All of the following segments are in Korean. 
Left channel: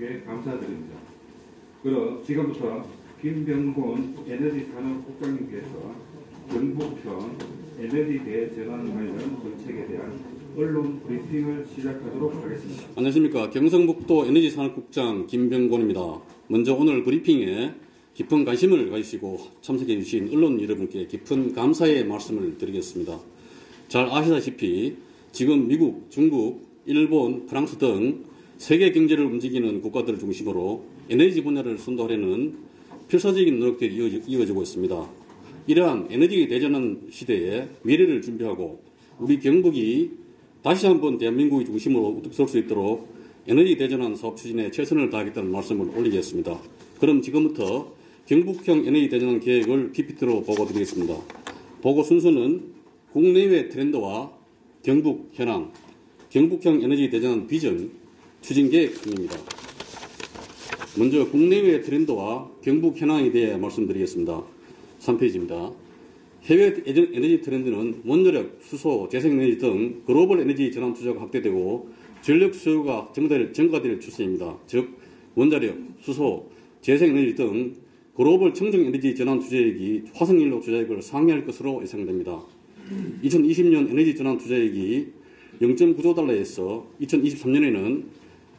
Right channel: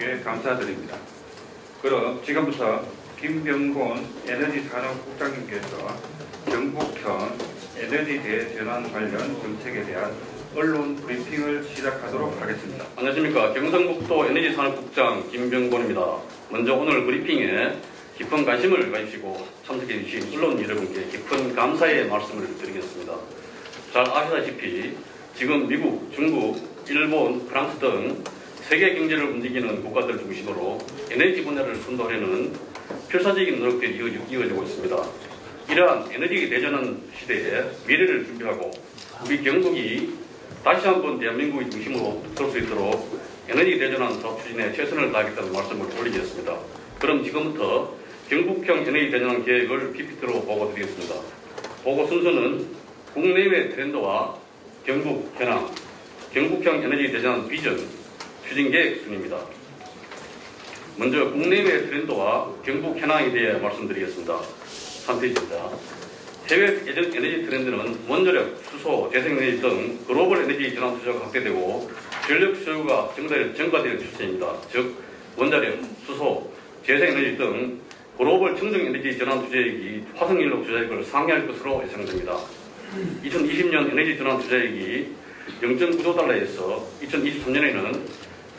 여러분께 감사드립니다. 그럼 지금부터 김병곤 에너지산업국장님께서 경북형 에너지 대전환 관련 정책에 대한 언론 브리핑을 시작하도록 하겠습니다. 안녕하십니까. 경상북도 에너지산업국장 김병곤입니다. 먼저 오늘 브리핑에 깊은 관심을 가지시고 참석해 주신 언론 여러분께 깊은 감사의 말씀을 드리겠습니다. 잘 아시다시피 지금 미국, 중국, 일본, 프랑스 등 세계 경제를 움직이는 국가들을 중심으로 에너지 분야를 선도하려는 필사적인 노력들이 이어지고 있습니다. 이러한 에너지 대전환 시대에 미래를 준비하고 우리 경북이 다시 한번 대한민국의 중심으로 설 수 있도록 에너지 대전환 사업 추진에 최선을 다하겠다는 말씀을 올리겠습니다. 그럼 지금부터 경북형 에너지 대전환 계획을 PPT로 보고드리겠습니다. 보고 순서는 국내외 트렌드와 경북 현황, 경북형 에너지 대전환 비전, 추진 계획 순입니다. 먼저 국내외 트렌드와 경북 현황에 대해 말씀드리겠습니다. 3페이지입니다. 해외 에너지 트렌드는 원자력, 수소, 재생에너지 등 글로벌 에너지 전환 투자가 확대되고 전력 수요가 증가될 추세입니다. 즉 원자력, 수소, 재생에너지 등 글로벌 청정 에너지 전환 투자액이 화석연료 투자액을 상회할 것으로 예상됩니다. 2020년 에너지 전환 투자액이 0.9조 달러에서 2023년에는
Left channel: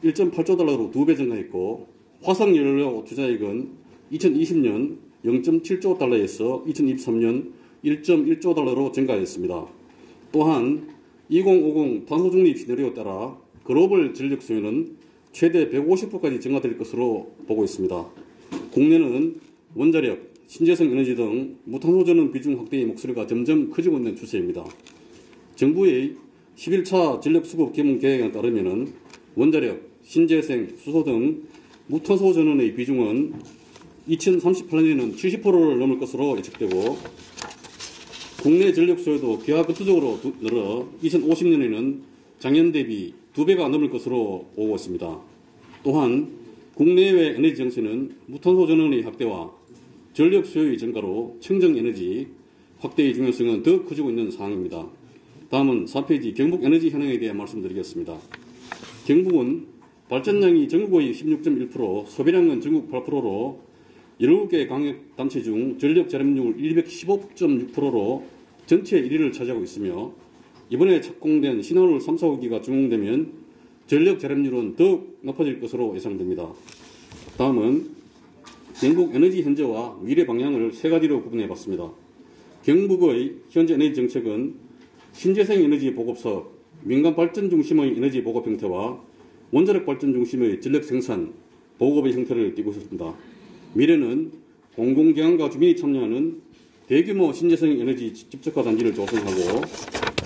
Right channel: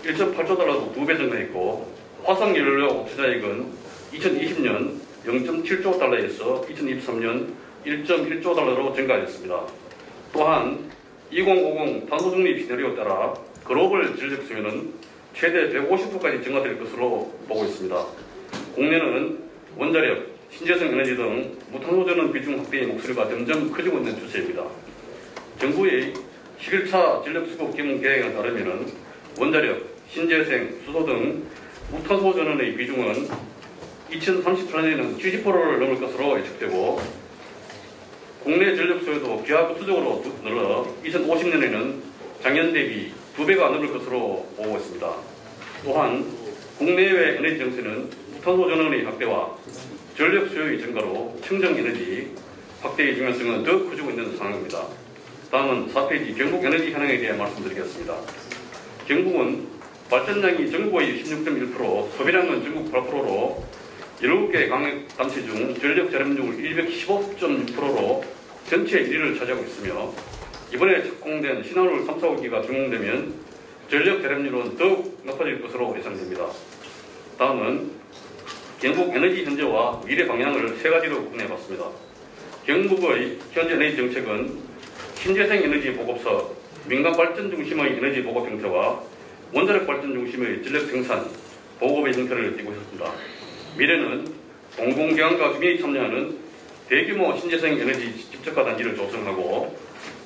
1.8조 달러로 2배 증가했고 화석연료 투자액은 2020년 0.7조 달러에서 2023년 1.1조 달러로 증가했습니다. 또한 2050 탄소중립 시나리오에 따라 글로벌 전력 수요는 최대 150%까지 증가될 것으로 보고 있습니다. 국내는 원자력, 신재생 에너지 등 무탄소 전원 비중 확대의 목소리가 점점 커지고 있는 추세입니다. 정부의 11차 전력 수급 개문 계획에 따르면 원자력, 신재생, 수소 등 무탄소 전원의 비중은 2038년에는 70%를 넘을 것으로 예측되고 국내 전력 수요도 기하급수적으로 늘어 2050년에는 작년 대비 2배가 넘을 것으로 보고 있습니다. 또한 국내외 에너지 정세는 무탄소 전원의 확대와 전력 수요의 증가로 청정 에너지 확대의 중요성은 더 커지고 있는 상황입니다. 다음은 4페이지 경북 에너지 현황에 대해 말씀드리겠습니다. 경북은 발전량이 전국의 16.1%, 소비량은 전국 8%로 17개 강력단체 중 전력 절약률 215.6%로 전체 1위를 차지하고 있으며 이번에 착공된 신한울 3, 4호기가 준공되면 전력 절약률은 더욱 높아질 것으로 예상됩니다. 다음은 경북 에너지 현재와 미래 방향을 세 가지로 구분해 봤습니다. 경북의 현재 에너지 정책은 신재생 에너지 보급서, 민간 발전 중심의 에너지 보급 형태와 원자력 발전 중심의 전력 생산, 보급의 형태를 띠고 있습니다. 미래는 공공기관과 주민이 참여하는 대규모 신재생 에너지 집적화 단지를 조성하고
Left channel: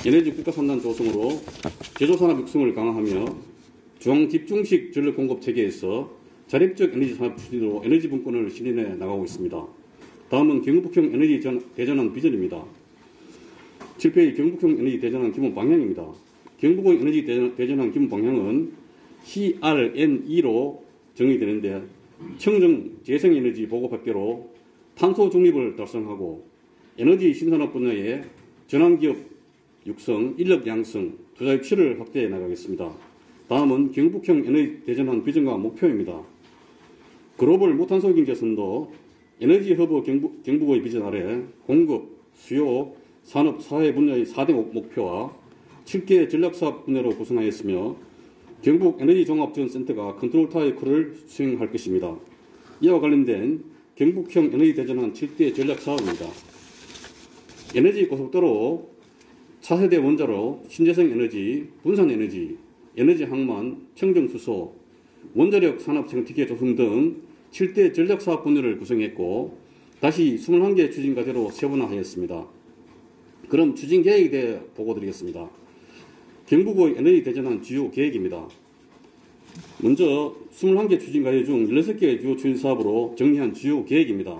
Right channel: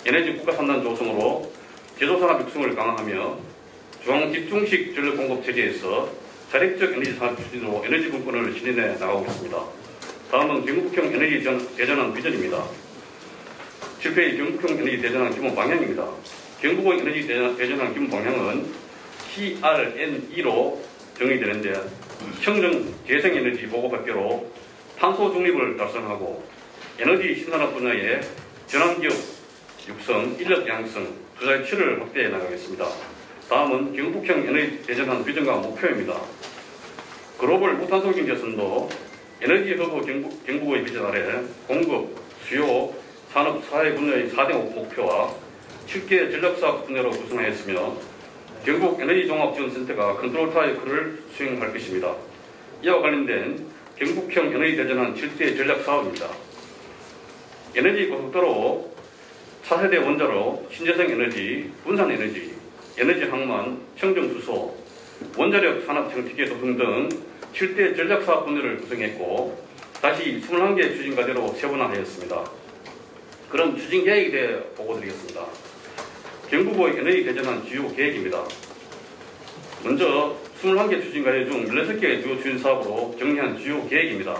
에너지 국가산단 조성으로 제조산업 육성을 강화하며 중앙집중식 전력 공급 체계에서 자립적 에너지 산업 추진으로 에너지 분권을 실현해 나가고 있습니다. 다음은 경북형 에너지 대전환 비전입니다. 7페이지 경북형 에너지 대전환 기본 방향입니다. 경북의 에너지 대전환 기본 방향은 CRN2로 정의되는데 청정 재생에너지 보급 확대로 탄소 중립을 달성하고 에너지 신산업 분야의 전환기업 육성, 인력 양성, 투자 유치를 확대해 나가겠습니다. 다음은 경북형 에너지 대전환 비전과 목표입니다. 글로벌 무탄소 경제 선도, 에너지 허브 경북의 비전 아래 공급, 수요, 산업, 사회 분야의 4대 목표와 7개 전략사업 분야로 구성하였으며 경북 에너지종합지원센터가 컨트롤 타워의 역할을 수행할 것입니다. 이와 관련된 경북형 에너지 대전환 7대 전략사업입니다. 에너지 고속도로, 차세대 원자로, 신재생 에너지, 분산 에너지, 에너지 항만, 청정수소, 원자력 산업 생태계 조성 등 7대 전략사업 분야를 구성했고 다시 21개 추진 과제로 세분화하였습니다. 그럼 추진 계획에 대해 보고드리겠습니다. 경북의 에너지 대전환 주요 계획입니다. 먼저 21개 추진 과제 중 16개 주요 추진 사업으로 정리한 주요 계획입니다.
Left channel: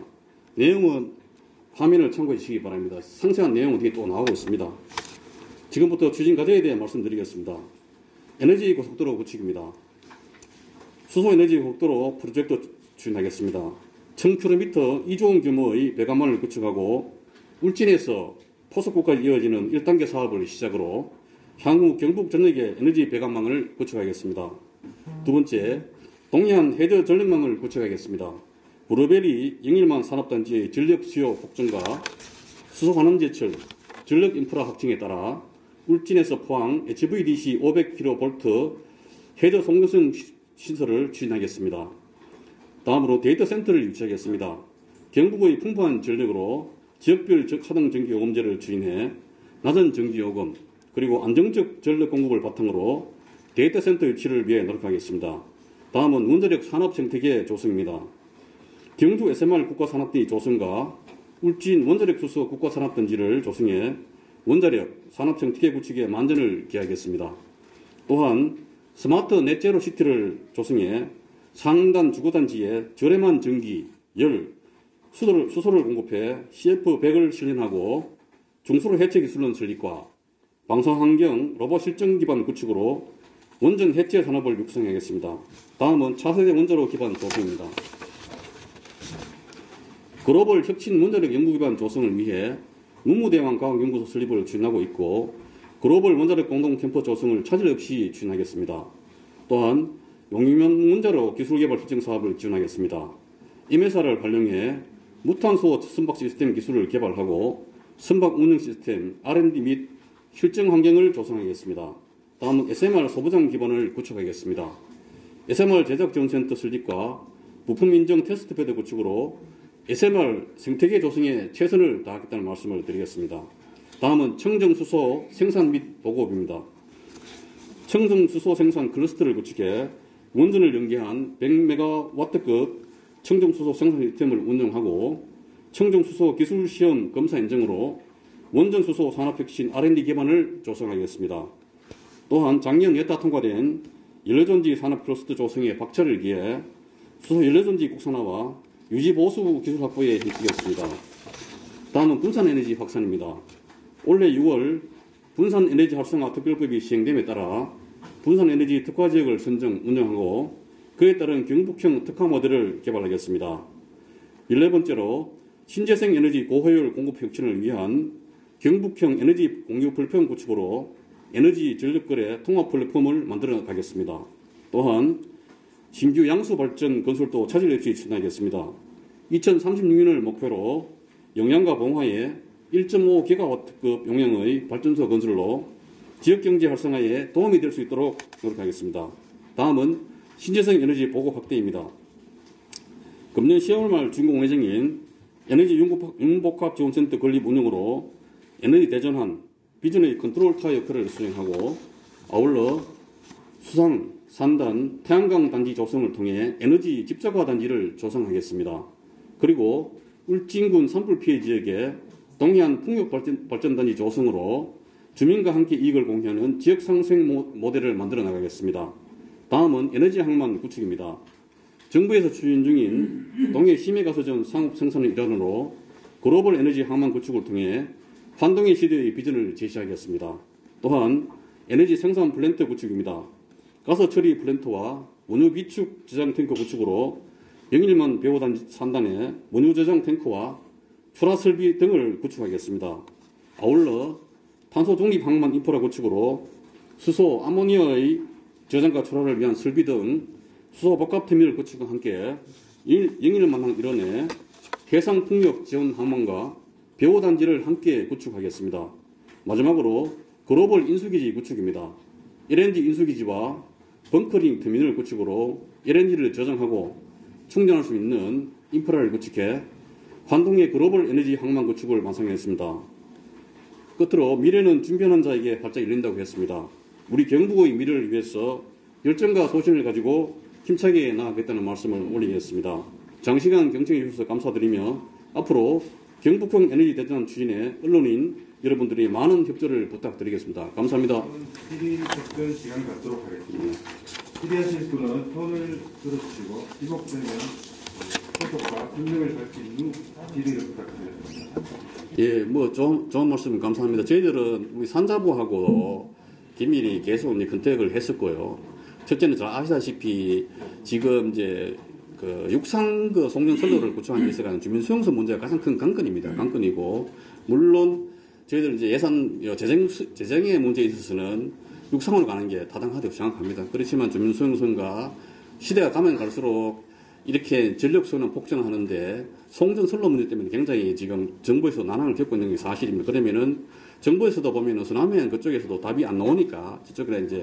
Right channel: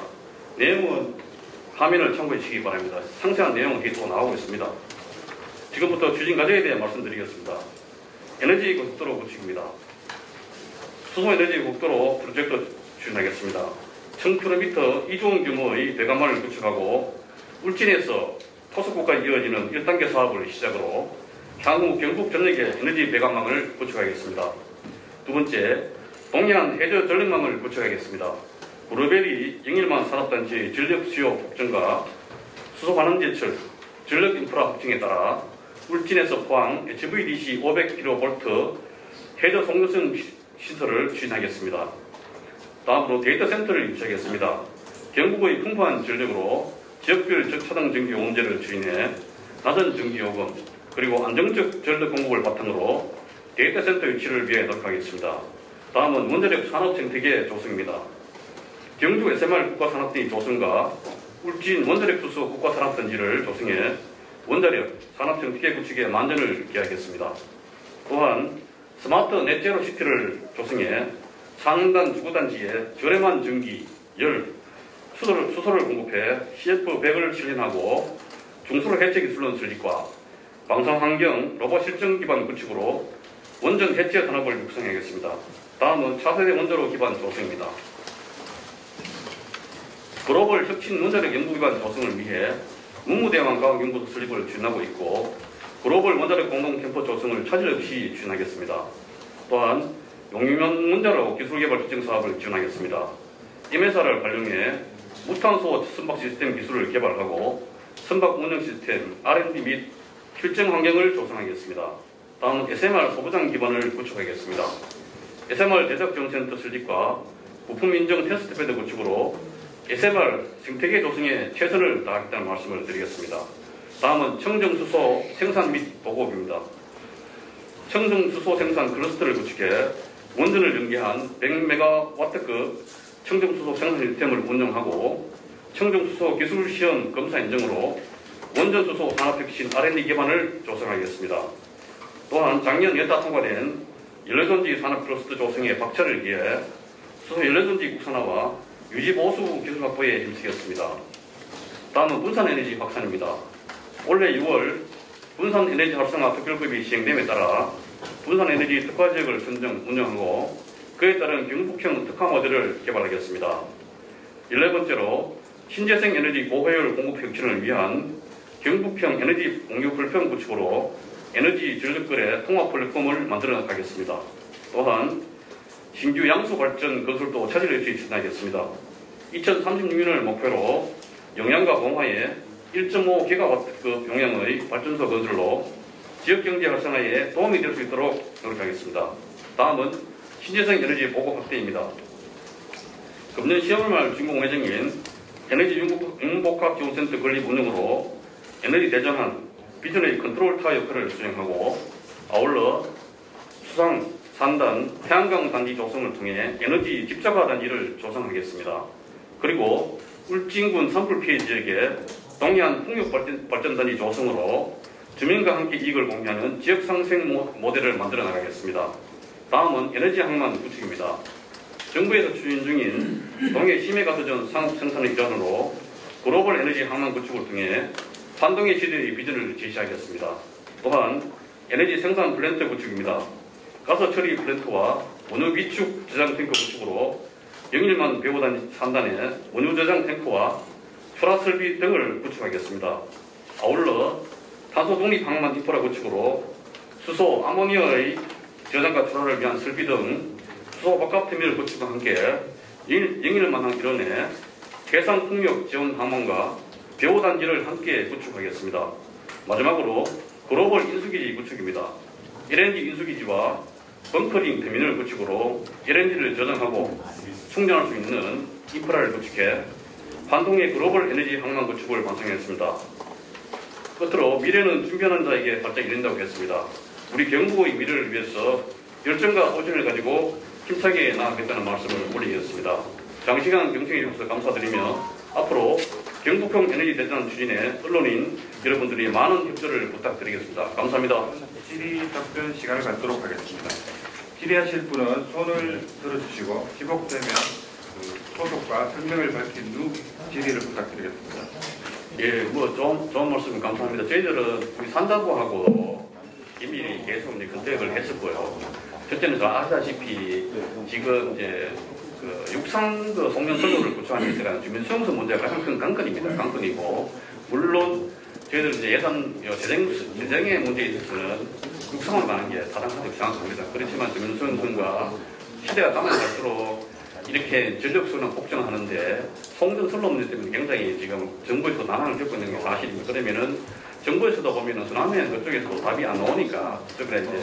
내용은 화면을 참고해 주시기 바랍니다. 상세한 내용은 뒤에 또 나오고 있습니다. 지금부터 추진 과제에 대해 말씀드리겠습니다. 에너지 고속도로 구축입니다. 수소에너지 고속도로 프로젝트 추진하겠습니다. 1000km 2조 원 규모의 배관망을 구축하고 울진에서 포석구까지 이어지는 1단계 사업을 시작으로 향후 경북 전역에 에너지 배관망을 구축하겠습니다. 두 번째, 동해안 해저 전력망을 구축하겠습니다. 구로벨이 영일만 산업단지의 전력 수요 폭증과 수소관원제철 전력 인프라 확충에 따라 울진에서 포항 HVDC 500kV 해저 송전선 시설을 추진하겠습니다. 다음으로 데이터 센터를 유치하겠습니다. 경북의 풍부한 전력으로 지역별 저차등 전기 요금제를 추진해 낮은 전기 요금 그리고 안정적 전력 공급을 바탕으로 데이터 센터 유치를 위해 노력하겠습니다. 다음은 원자력 산업 생태계 조성입니다. 경주 SMR 국가산업단지 조성과 울진 원자력 수소 국가산업단지를 조성해 원자력 산업 생태계 구축에 만전을 기하겠습니다. 또한 스마트 넷제로 시티를 조성해 산간 주거단지에 저렴한 전기, 열, 수소를 공급해 CF100을 실현하고 중수로 해체 기술론 설립과 방사환경 로봇 실증 기반 구축으로 원전 해체 산업을 육성하겠습니다. 다음은 차세대 원자로 기반 조성입니다. 글로벌 혁신 원자력 연구기관 조성을 위해 문무대왕 과학연구소 설립을 추진하고 있고 글로벌 원자력 공동 캠프 조성을 차질 없이 추진하겠습니다. 또한 용융면 원자로 기술개발 협정 사업을 지원하겠습니다. 임회사를 활용해 무탄소 선박 시스템 기술을 개발하고 선박 운영 시스템, R&D 및 실증 환경을 조성하겠습니다. 다음은 SMR 소부장 기반을 구축하겠습니다. SMR 제작정센터 설립과 부품 인정 테스트베드 구축으로 SMR 생태계 조성에 최선을 다하겠다는 말씀을 드리겠습니다. 다음은 청정수소 생산 및 보급입니다. 청정수소 생산 클러스터를 구축해 원전을 연계한 100MW급 청정수소 생산 시스템을 운영하고 청정수소 기술시험 검사 인증으로 원전수소 산업혁신 R&D 기반을 조성하겠습니다. 또한 작년 예타 통과된 연료전지 산업 클러스터 조성에 박차를 기해 수소 연료전지 국산화와 유지보수 기술 확보에 힘쓰겠습니다. 다음은 분산에너지 확산입니다. 올해 6월 분산에너지 활성화 특별법이 시행됨에 따라 분산에너지 특화지역을 선정, 운영하고 그에 따른 경북형 특화 모델을 개발하겠습니다. 11번째로 신재생 에너지 고효율 공급 혁신을 위한 경북형 에너지 공유 플랫폼 구축으로 에너지 전력거래 통합 플랫폼을 만들어 가겠습니다. 또한 신규 양수 발전 건설도 차질 없이 추진하겠습니다. 2036년을 목표로 용양과 봉화에 1.5GW급 용량의 발전소 건설로 지역경제 활성화에 도움이 될 수 있도록 노력하겠습니다. 다음은 신재생 에너지 보급 확대입니다. 금년 10월 말 준공 예정인 에너지 융복합지원센터 건립 운영으로 에너지 대전환, 비전의 컨트롤 타워 역할을 수행하고 아울러 수상, 산단, 태양광 단지 조성을 통해 에너지 집자가 단지를 조성하겠습니다. 그리고 울진군 산불 피해 지역에 동해안 풍력 발전 단지 조성으로 주민과 함께 이익을 공유하는 지역 상생 모델을 만들어 나가겠습니다. 다음은 에너지 항만 구축입니다. 정부에서 추진 중인 동해 심해가스전 상업 생산의 일환으로 글로벌 에너지 항만 구축을 통해 환동의 시대의 비전을 제시하겠습니다. 또한 에너지 생산 플랜트 구축입니다. 가스 처리 플랜트와 원유 비축 저장 탱크 구축으로 영일만 배후 산단에 원유 저장 탱크와 출하 설비 등을 구축하겠습니다. 아울러 탄소 독립 항만 인프라 구축으로 수소, 아모니아의 저장과 출하를 위한 설비 등 수소 복합 터미널 구축과 함께 영일만항 일원에 해상 풍력 지원 항만과 배후 단지를 함께 구축하겠습니다. 마지막으로 글로벌 인수기지 구축입니다. LNG 인수기지와 벙커링 터미널 구축으로 LNG를 저장하고 충전할 수 있는 인프라를 구축해 환동의 글로벌 에너지 항만 구축을 완성했습니다. 끝으로 미래는 준비하는 자에게 활짝 열린다고 했습니다. 우리 경북의 미래를 위해서 열정과 소신을 가지고 힘차게 나아가겠다는 말씀을 올리겠습니다. 장시간 경청해 주셔서 감사드리며 앞으로 경북형 에너지 대전 추진에 언론인 여러분들이 많은 협조를 부탁드리겠습니다. 감사합니다. 질의 답변 시간을 갖도록 하겠습니다. 질의하실 분은 손을 들어주시고 지목되면 소속과 성명을 밝힌 후 질의를 부탁드리겠습니다. 예, 좋은 말씀 감사합니다. 저희들은 우리 산자부하고 긴밀히 계속 이제 컨택을 했었고요. 첫째는 잘 아시다시피 지금 이제 육상 송년 선로를 구축하는 데 있어서 주민수용소 문제가 가장 큰 관건입니다. 관건이고 물론 저희들 이제 예산 재정의 문제에 있어서는 육상으로 가는 게 타당하다고 생각합니다. 그렇지만 주민수용소가 시대가 가면 갈수록 이렇게 전력 수요는 폭증하는데 송전 선로 문제 때문에 굉장히 지금 정부에서 난항을 겪고 있는 게 사실입니다. 그러면은 정부에서도 보면은 순환면 그쪽에서도 답이 안 나오니까 그쪽에 이제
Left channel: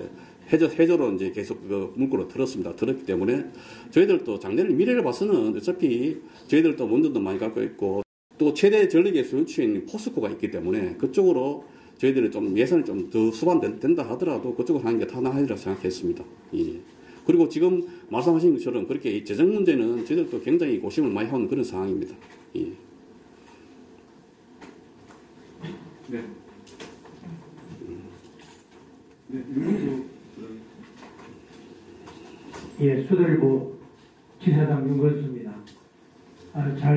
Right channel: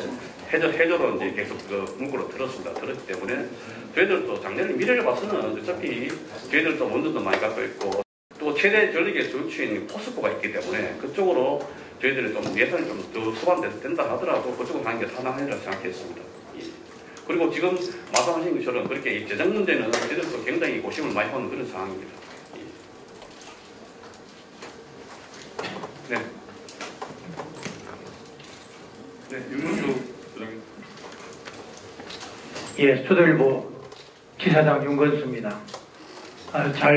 해저로 이제 계속 그 문구로 들었습니다. 들었기 때문에 저희들도 작년에 미래를 봐서는 어차피 저희들도 원전도 많이 갖고 있고 또 최대 전력의 소유주인 포스코가 있기 때문에 그쪽으로 저희들이 좀 예산이 좀 더 수반된다 하더라도 그쪽으로 가는 게 타당하리라 생각했습니다. 예. 그리고 지금 말씀하신 것처럼 그렇게 이 재정 문제는 저희들도 굉장히 고심을 많이 하는 그런 상황입니다. 예. 네. 네, 윤문수 소장님. 예, 수도일보 기사장 윤건수입니다.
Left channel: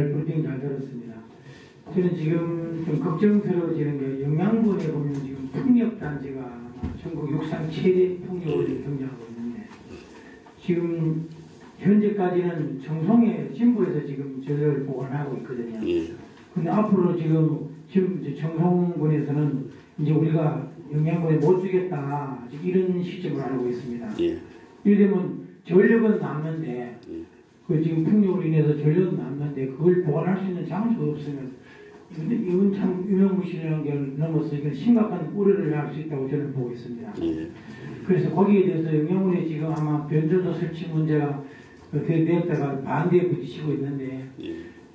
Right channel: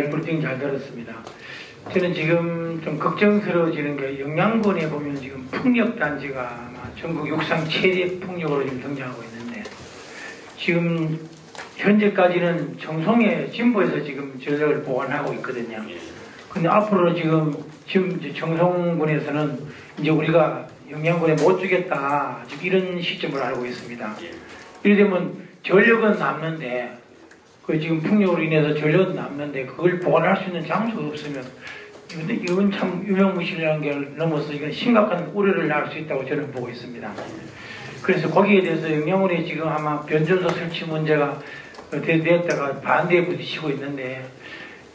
브리핑 잘 들었습니다. 저는 지금 좀 걱정스러워지는 게 영양군에 보면 지금 풍력단지가 전국 육상 최대 풍력으로 지금 등장하고 있는데 지금 현재까지는 정송에 진보에서 지금 전력을 보관하고 있거든요. 근데 앞으로 지금 이제 정송군에서는 이제 우리가 영양군에 못 주겠다 이런 시점을 알고 있습니다. 이래 되면 전력은 남는데 그 지금 풍력으로 인해서 전력은 남는데 그걸 보관할 수 있는 장소가 없으면 이건 참 유명무실이라는 게 넘어서 이건 심각한 우려를 낳을 수 있다고 저는 보고 있습니다. 그래서 거기에 대해서 영양군이 지금 아마 변전소 설치 문제가 됐다가 반대에 부딪히고 있는데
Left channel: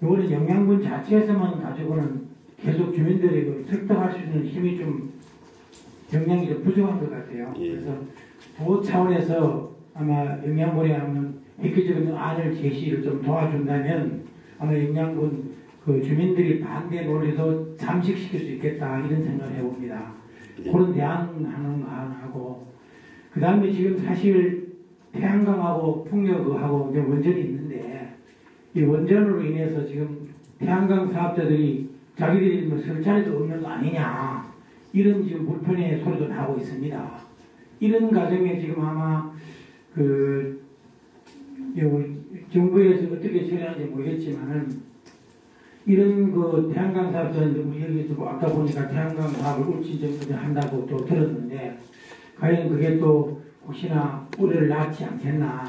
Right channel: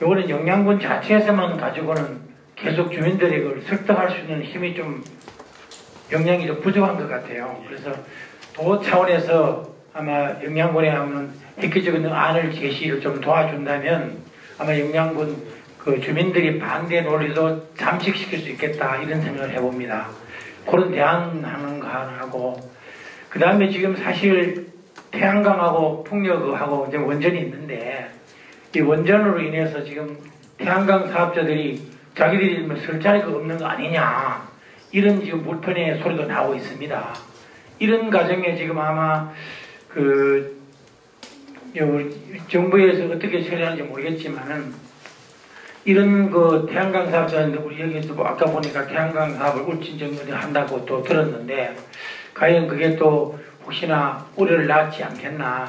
이거는 영양군 자체에서만 가지고는 계속 주민들이 그걸 설득할 수 있는 힘이 좀 역량이 좀 부족한 것 같아요. 그래서 도 차원에서 아마 영양군에 한번 획기적인 안을 제시를 좀 도와준다면 아마 영양군 그 주민들이 반대 논리도 잠식시킬 수 있겠다 이런 생각을 해봅니다. 그런 대안하는 거 하나 하고 그 다음에 지금 사실 태양광하고 풍력하고 이제 원전이 있는데 이 원전으로 인해서 지금 태양광 사업자들이 자기들이 설 자리가 없는 거 아니냐 이런 지금 불편의 소리도 나오고 있습니다. 이런 과정에 지금 아마 그 정부에서 어떻게 처리하는지 모르겠지만은 이런 그 태양광 사업자인데 우리 여기서 뭐 아까 보니까 태양광 사업을 울진정면에 한다고 또 들었는데 과연 그게 또 혹시나 우려를 낳지 않겠나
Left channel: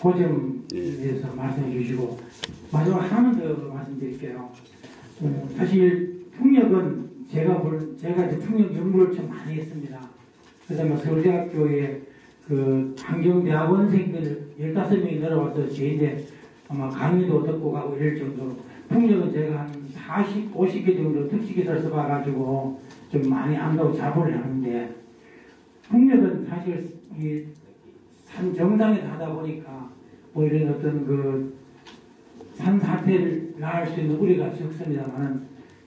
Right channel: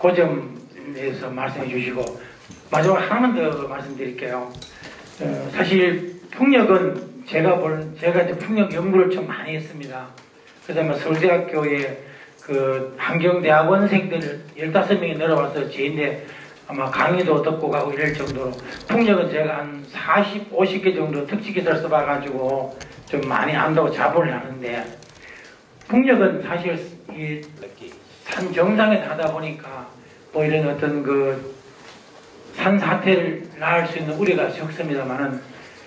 그 점에 대해서 말씀해 주시고 마지막 하나만 더 말씀드릴게요. 사실 풍력은 제가 이제 풍력 연구를 좀 많이 했습니다. 그래서 아마 서울대학교에 그 환경대학원생들 15명이 내려와서 제인데 아마 강의도 듣고 가고 이럴 정도로 풍력은 제가 한 40, 50개 정도 특식기사를 써봐가지고 좀 많이 안다고 자부를 하는데 풍력은 사실 이 산 정상에 가다 보니까 뭐 이런 어떤 그 산 사태를 낳을 수 있는 우려가 적습니다만은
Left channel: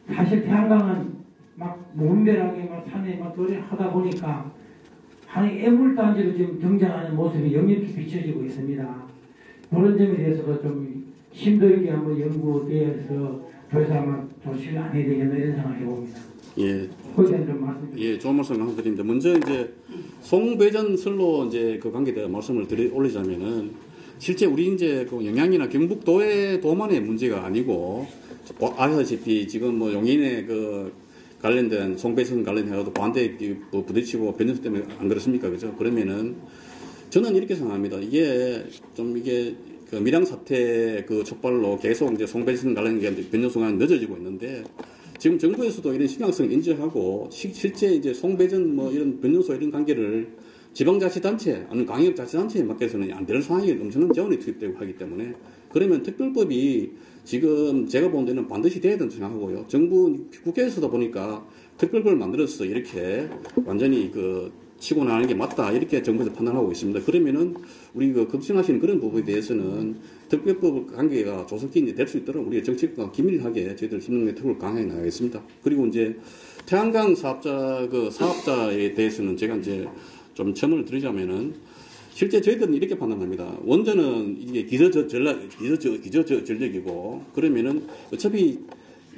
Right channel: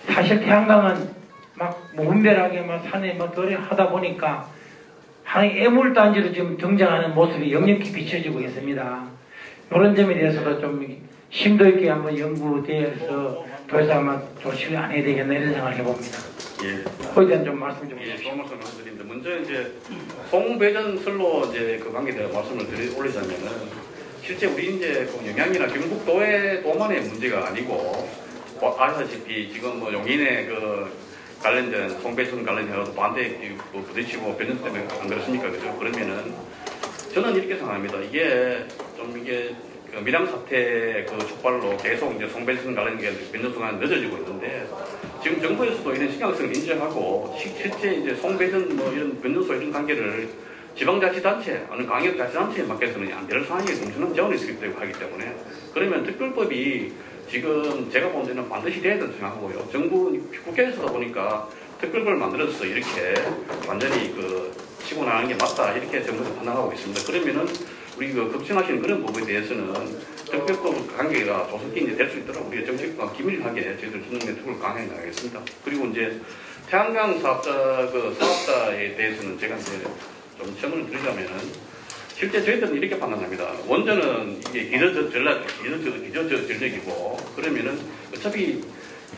사실 태양광은 막 무분별하게 막 산에 막 노래 하다 보니까 하나의 애물단지로 지금 등장하는 모습이 역력히 비춰지고 있습니다. 이런 점에 대해서도 좀 심도 있게 한번 연구돼서 더 이상 아마 조치를 안 해야 되겠나 이런 생각을 해봅니다. 예. 거기에 대한 좀 말씀 좀. 예, 좋은 말씀 드리는데 먼저 이제 송배전 선로 이제 그 관계에 대한 말씀을 올리자면은 실제 우리 이제 그 영양이나 경북도의 도만의 문제가 아니고 아시다시피 지금 뭐 용인의 그 관련된 송배전 관련해가지고 반대 부딪히고 변전소 때문에 안 그렇습니까, 그죠? 그러면은 저는 이렇게 생각합니다. 이게 그 밀양 사태 그 촉발로 계속 이제 송배전 관련된 변전소가 늦어지고 있는데 지금 정부에서도 이런 신경성을 인지하고 실제 이제 송배전 뭐 이런 변전소 이런 관계를 지방자치단체 아니면 광역자치단체에 맡겨서는 안 될 상황이 엄청난 재원이 있기 하기 때문에 그러면 특별법이 지금 제가 본 데는 반드시 돼야 된다고 생각하고요. 정부 국회에서도 보니까 특별법을 만들어서 이렇게 완전히 그 치고 나가는 게 맞다 이렇게 정부도 판단하고 있습니다. 그러면은 우리 그 걱정하시는 그런 부분에 대해서는 특별법 관계가 조속히 될 수 있도록 우리가 정책과 기밀하게 저희들 신용 네트워크를 강화해 나가겠습니다. 그리고 이제 태양광 사업자에 대해서는 제가 이제 좀 첨언을 드리자면은 실제 저희들은 이렇게 판단합니다. 원전은 이게 기저전력이고 그러면은 어차피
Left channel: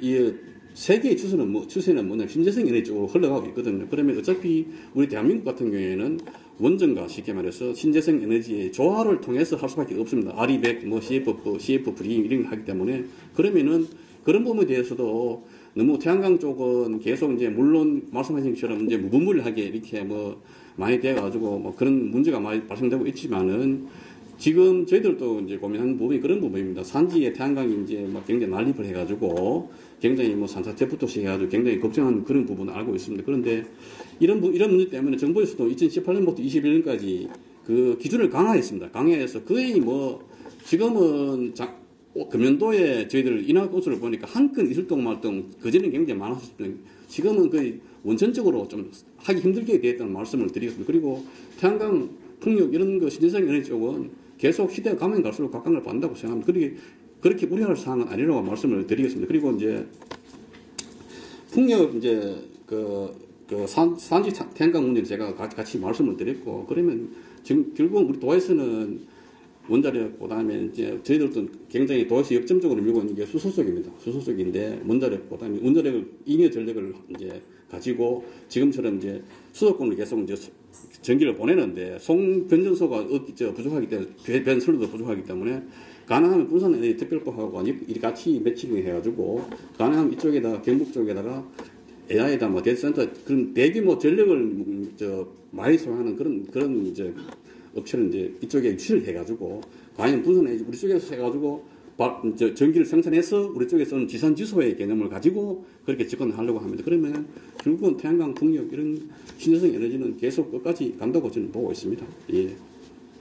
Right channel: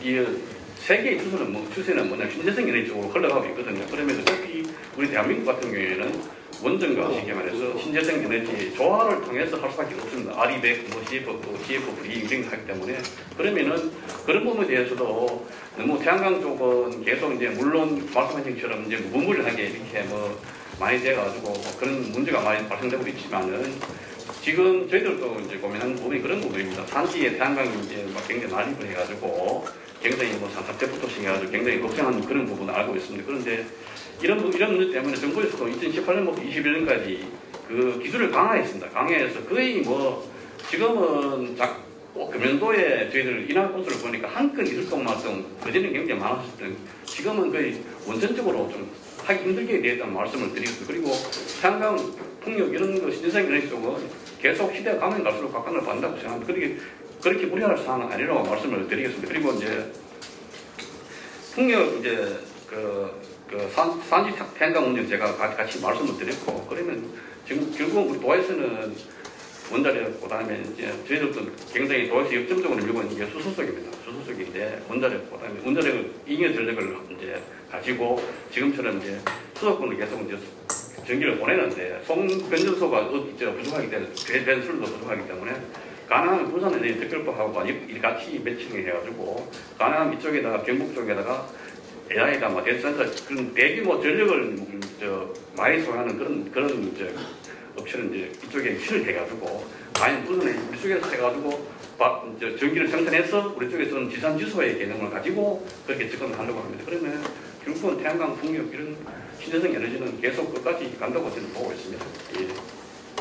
이 세계의 추세는 뭐냐 신재생 에너지 쪽으로 흘러가고 있거든요. 그러면 어차피 우리 대한민국 같은 경우에는 원전과 쉽게 말해서 신재생 에너지 조화를 통해서 할 수밖에 없습니다. RE100, 뭐 CF3 이런 걸 하기 때문에 그러면은 그런 부분에 대해서도 너무 태양광 쪽은 계속 이제 물론 말씀하신 것처럼 이제 무분별하게 이렇게 뭐 많이 돼가지고 뭐 그런 문제가 많이 발생되고 있지만은 지금 저희들도 이제 고민하는 부분이 그런 부분입니다. 산지에 태양광이 이제 막 굉장히 난립을 해가지고 굉장히 뭐 산사태부터 시작해가지고 굉장히 걱정하는 그런 부분을 알고 있습니다. 그런데 이런 문제 때문에 정부에서도 2018년부터 21년까지 그 기준을 강화했습니다. 강화해서 거의 뭐 지금은 금년도에 저희들 인하 건수를 보니까 한 건 있을 것만큼 그전에는 굉장히 많았었거든요. 지금은 거의 원천적으로 좀 하기 힘들게 되었다는 말씀을 드리겠습니다. 그리고 태양광, 풍력 이런 거 신재생 에너지 쪽은 계속 시대가 가면 갈수록 각광을 받는다고 생각합니다. 그렇게 우려할 사항은 아니라고 말씀을 드리겠습니다. 그리고 이제 풍력 이제 산지 태양광 문제를 제가 같이 말씀을 드렸고, 그러면 지금 결국은 우리 도에서는 원자력, 그 다음에 이제 저희들도 굉장히 도에서 역점적으로 밀고 있는 게 수소속입니다. 수소속인데 원자력, 그 다음에 원자력을 잉여 전력을 이제 가지고 지금처럼 이제 수도권으로 계속 이제 전기를 보내는데 송변전소가 부족하기 때문에 변수도 부족하기 때문에 가능하면 부산 에너지 특별법하고 같이 매칭을 해가지고 가능하면 이쪽에다가 경북 쪽에다가 AI다 뭐 데이터센터 그런 대규모 전력을 많이 소유하는 그런 이제 업체를 이제 이쪽에 유치를 해가지고 아니면 부산에 우리 쪽에서 해가지고 전기를 생산해서 우리 쪽에서는 지산지소의 개념을 가지고 그렇게 접근을 하려고 합니다. 그러면 결국은 태양광, 풍력 이런 신재생 에너지는 계속 끝까지 간다고 저는 보고 있습니다. 예.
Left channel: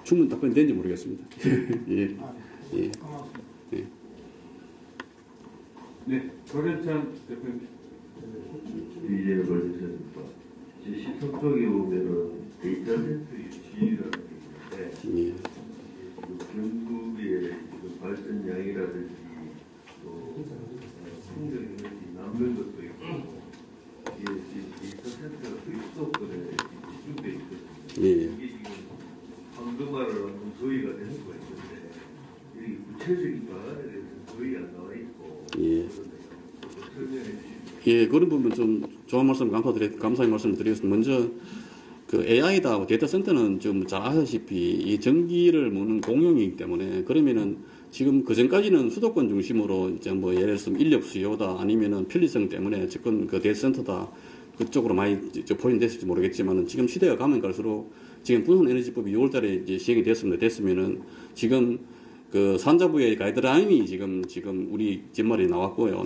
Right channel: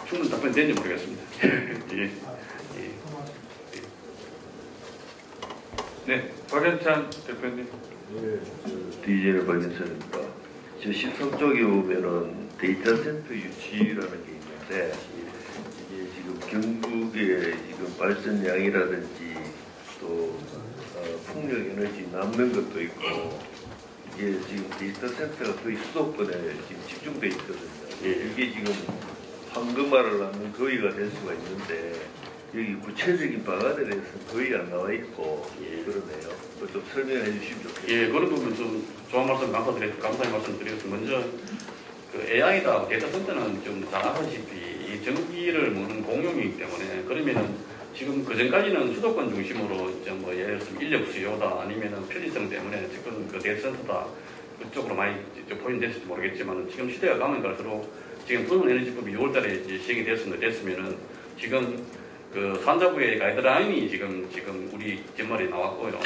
충분히 답변 되는지 모르겠습니다. 예. 예. 예. 네, 박연찬 대표님. DJ 박연찬입니다. 저 13쪽에 보면은 데이터 센터 유치라는 게 있는데 이게 지금 경북의 지금 발전량이라든지 또 풍력 에너지 남는 것도 있고 이게 지금 데이터 센터가 또 수도권에 지금 집중돼 있거든요. 예. 이게 지금 황금알을 낳는 거위가 될 수가 있는데 여기 구체적인 방안에 대해서 거의 안 나와 있고 예. 그러네요. 좀 설명해 주십시오. 예, 그런 부분 좀 좋은 말씀 감사의 말씀 드리겠습니다. 먼저 그 AI다 데이터 센터는 좀 잘 아시다시피 이 전기를 먹는 공용이기 때문에 그러면은 지금 그 전까지는 수도권 중심으로 이제 뭐 예를 들어서 인력 수요다 아니면은 편리성 때문에 지금 그 데이터 센터다 그쪽으로 많이 포인됐을지 모르겠지만 지금 시대가 가면 갈수록 지금 부산에너지법이 6월달에 이제 시행이 됐으면은 지금 그 산자부의 가이드라인이 지금 우리 뒷말에 나왔고요.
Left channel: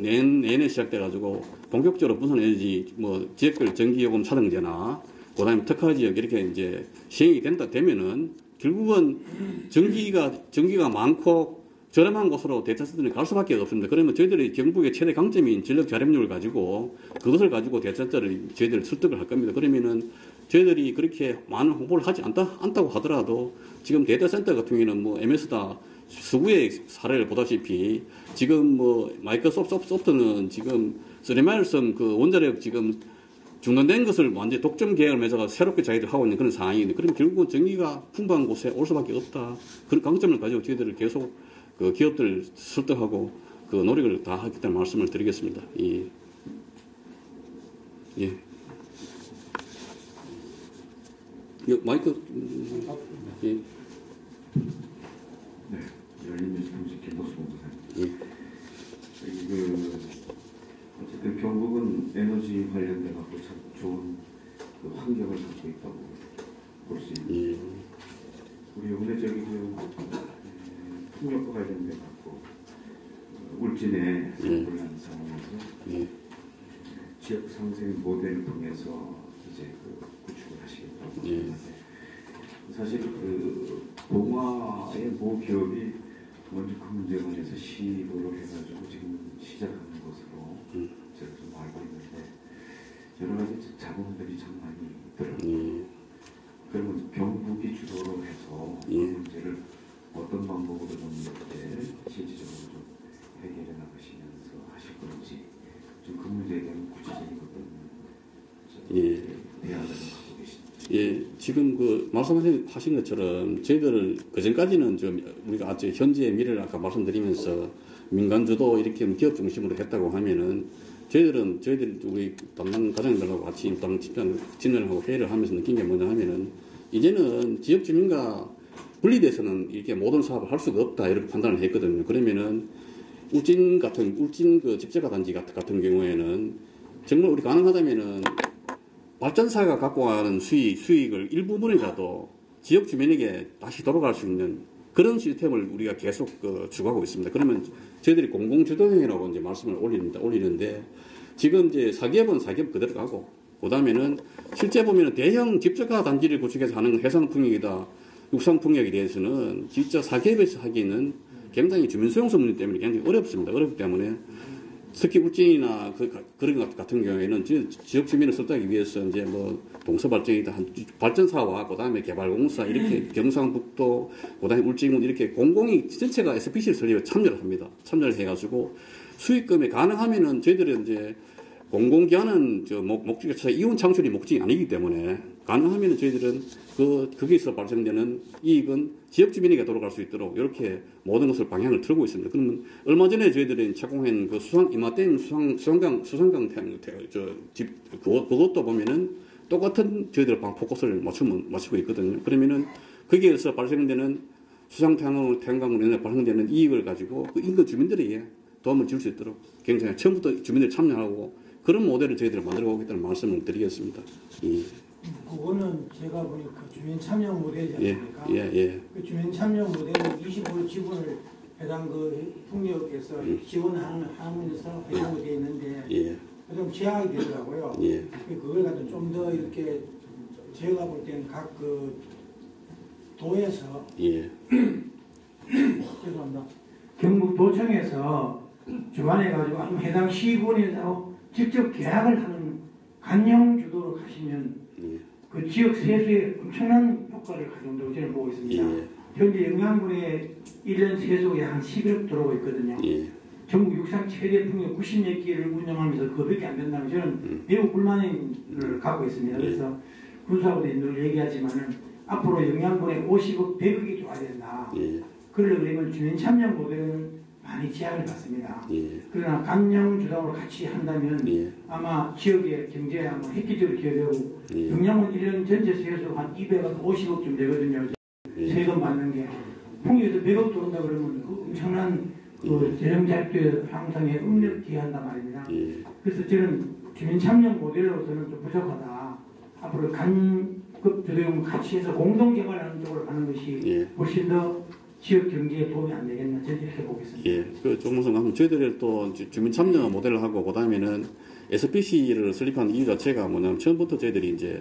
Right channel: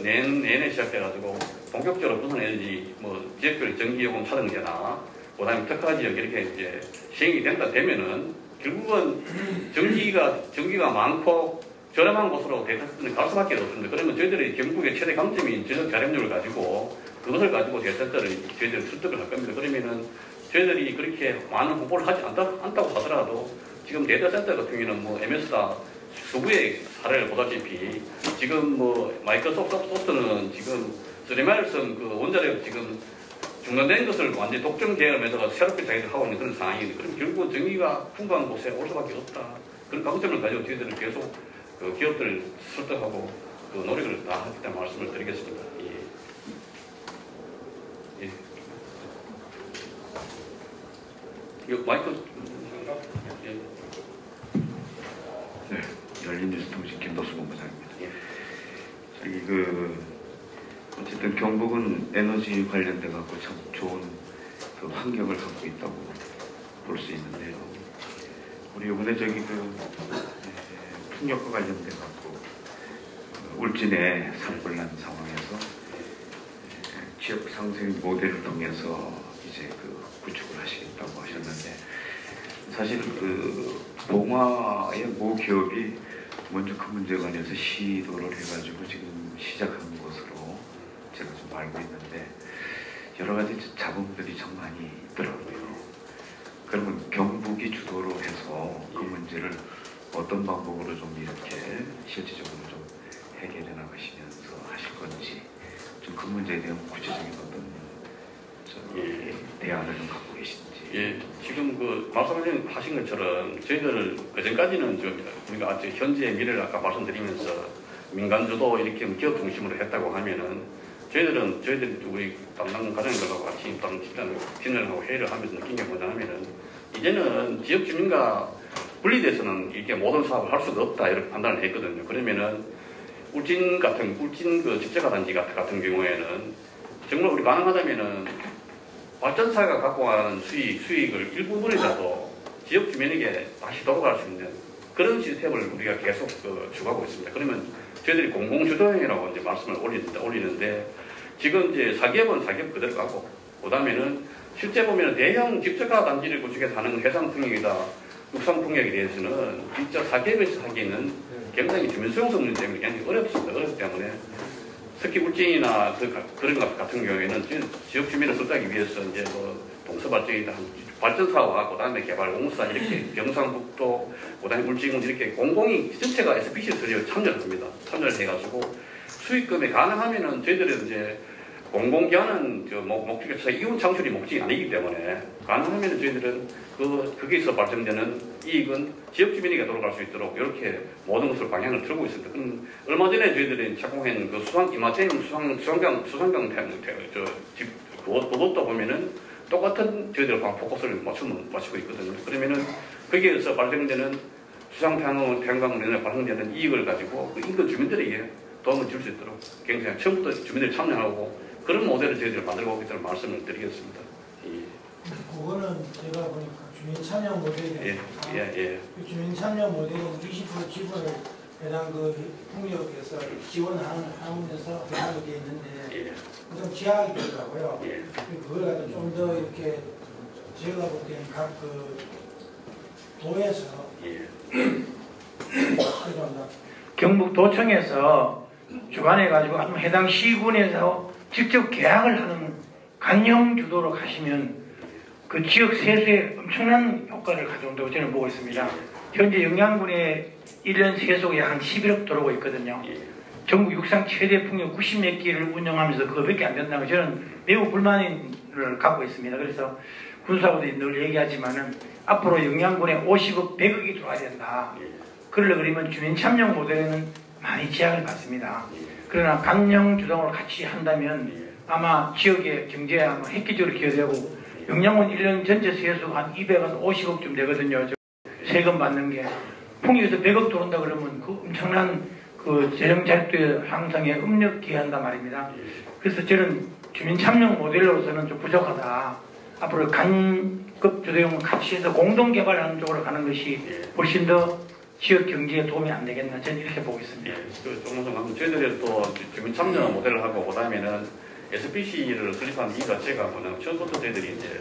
내년에 시작돼가지고 본격적으로 부산에너지 뭐 지역별 전기요금 차등제나 그다음에 특화지역 이렇게 이제 시행이 되면은 결국은 전기가 많고 저렴한 곳으로 데이터 센터를 갈 수밖에 없습니다. 그러면 저희들이 경북의 최대 강점인 전력 절약률을 가지고 그것을 가지고 데이터 센터를 저희들이 설득을 할 겁니다. 그러면은 저희들이 그렇게 많은 홍보를 하지 않다고 하더라도 지금 데이터 센터 같은 경우는 뭐 MS다 수구의 사례를 보다시피 지금 뭐 마이크로소프트는 지금 3마일선 그 원자력 지금 중단된 것을 완전히 독점 계획을 맺어서 새롭게 자기들 하고 있는 그런 상황인데 그럼 결국 전기가 풍부한 곳에 올 수밖에 없다. 그런 강점을 가지고 저희들은 계속 그 기업들 설득하고 그 노력을 다 하겠다는 말씀을 드리겠습니다. 예. 예. 마이크. 예. 네, 열린뉴스 통신 김도수 본부장입니다. 예. 저기 어쨌든 경북은 에너지 관련돼 갖고 참 좋은 그 환경을 갖고 있다고 볼 수 있는데요. 우리 이번에 풍력과 관련돼 갖고 울진에 산불 난 상황에서 지역 상생 모델을 통해서 이제 구축을 하시겠다고 하셨는데 사실 봉화의 모 기업이 먼저 그 문제에 관해서 시도를 해가지고 지금 시작한 것으로 제가 좀 알고 있는데 여러 가지 자본들이 참 많이 있더라고요. 그러면 경북이 주도로 해서 그 문제를 어떤 방법으로 좀 이렇게 실질적으로 좀 해결해 나가시면서 하실 건지 좀 그 문제에 대한 구체적인 어떤 대안을 좀 갖고 계신지. 예, 지금 그 말씀하신 것처럼 저희들 그 전까지는 좀 우리가 현재 미래를 아까 말씀드리면서 민간 주도 이렇게 기업 중심으로 했다고 하면은 저희들이 우리 담당 과장님들하고 같이 진행하고 회의를 하면서 느낀 게 뭐냐 하면은 이제는 지역 주민과 분리돼서는 이렇게 모든 사업을 할 수가 없다 이렇게 판단을 했거든요. 그러면은 울진 그 직제가단지 같은 경우에는 정말 우리 가능하다면은 발전사가 갖고 가는 수익을 일부분이라도 지역 주민에게 다시 돌아갈 수 있는 그런 시스템을 우리가 계속 추구하고 있습니다. 그러면 저희들이 공공주도형이라고 이제 말씀을 올리는데 지금 이제 사기업은 사기업 그대로 가고 그다음에는 실제 보면 대형 집적화 단지를 구축해서 하는 해상풍력이다, 육상풍력에 대해서는 진짜 사기업에서 하기에는 굉장히 주민수용성 문제 때문에 굉장히 어렵습니다. 어렵기 때문에 특히 울진이나 그런 것 같은 경우에는 지역 주민을 설득하기 위해서 이제 뭐 동서발전이다, 발전사와 그다음에 개발공사 이렇게 경상북도, 그다음에 울진군 이렇게 공공이 전체가 SPC 설립에 참여를 합니다. 참여를 해가지고 수익금에 가능하면은 저희들은 이제 공공기관은 목적에서 이윤 창출이 목적이 아니기 때문에 가능하면 저희들은 거기에서 발생되는 이익은 지역 주민에게 돌아갈 수 있도록 이렇게 모든 것을 방향을 틀고 있습니다. 그럼 얼마 전에 저희들이 착공한 그 이마댐 수상강 그것도 보면은 똑같은 저희들 포커스를 맞추고 있거든요. 그러면은 거기에서 발생되는 태양광 발생되는 이익을 가지고 그 인근 주민들에게 도움을 줄 수 있도록 굉장히 처음부터 주민들이 참여하고 그런 모델을 저희들이 만들고 오기 때문에 말씀을 드리겠습니다. 그거는 제가 보니까 주민 참여 모델이니까 그 주민 참여 모델은 20% 지분을 해당 그 풍력에서 지원하면서 배당이 되어 있는데 그다음 지하게 되더라고요. 그걸 갖다 좀 더 이렇게 제가 볼 때는 각 그 도에서 죄송합니다. 경북도청에서 주관해가지고 해당 시군에서 직접 계약을 하는 관영 주도로 가시면 그 지역 세수에 엄청난 효과를 가져온다고 저는 보고 있습니다. 현재 영양군에 1년 세수가 약 한 11억 들어오고 있거든요. 전국 육상 최대 풍력 90몇 개를 운영하면서 그거밖에 안 된다고 저는 매우 불만을 갖고 있습니다. 그래서 군사부들이 늘 얘기하지만은 앞으로 영양군에 50억, 100억이 들어와야 된다. 그러려면 주민 참여 모델에는 많이 제약을 받습니다. 그러나 관영 주동으로 같이 한다면 아마 지역의 경제에 아마 획기적으로 기여되고 영양군 1년 전체 세수가 한 250억쯤 되거든요. 세금 받는 게 풍력에서 100억 들어온다 그러면 그 엄청난 그 재정 자립도의 향상에 협력기한단 말입니다. 그래서 저는 주민 참여 모델로서는 좀 부족하다. 앞으로 간급 주도형을 같이 해서 공동 개발하는 쪽으로 가는 것이 훨씬 더 지역 경제에 도움이 안 되겠나 저는 이렇게 보고 있습니다. 조금은 저희들이 또 주민 참여 모델을 하고 그다음에는 SPC를 설립한 이유 자체가 뭐냐면 처음부터 저희들이 이제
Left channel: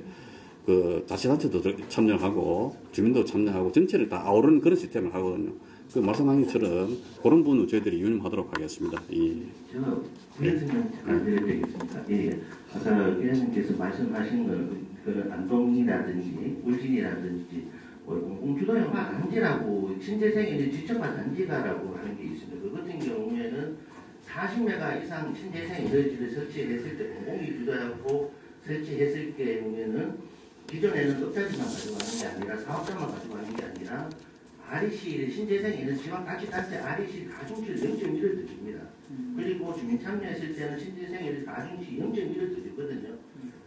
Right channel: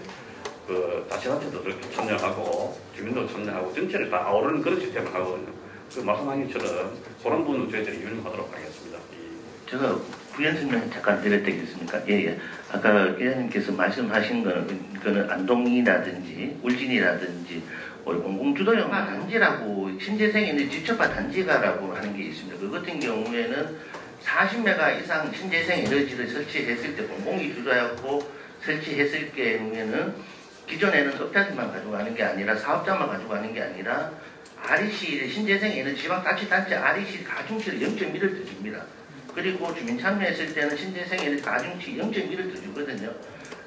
그 자치단체도 참여하고 주민도 참여하고 전체를 다 아우르는 그런 시스템을 하거든요. 그 말씀하신 것처럼 그런 부분은 저희들이 운영하도록 하겠습니다. 제가 부연 설명 잠깐 드려도 되겠습니까? 아까 회장님께서 말씀하신 거는 안동이라든지 울진이라든지 공공주도형 단지라고 신재생에는 직접화 단지가라고 하는 게 있습니다. 그 같은 경우에는 40메가 이상 신재생 에너지를 설치했을 때 공공이 주도하고 설치했을 경우에는 기존에는 업자들만 가지고 가는 게 아니라 사업자만 가지고 가는 게 아니라 REC 신재생 에너지 지방자치단체 REC 가중치를 0.1을 줍니다. 그리고 주민 참여했을 때는 신재생 에너지 가중치 0.1을 주거든요.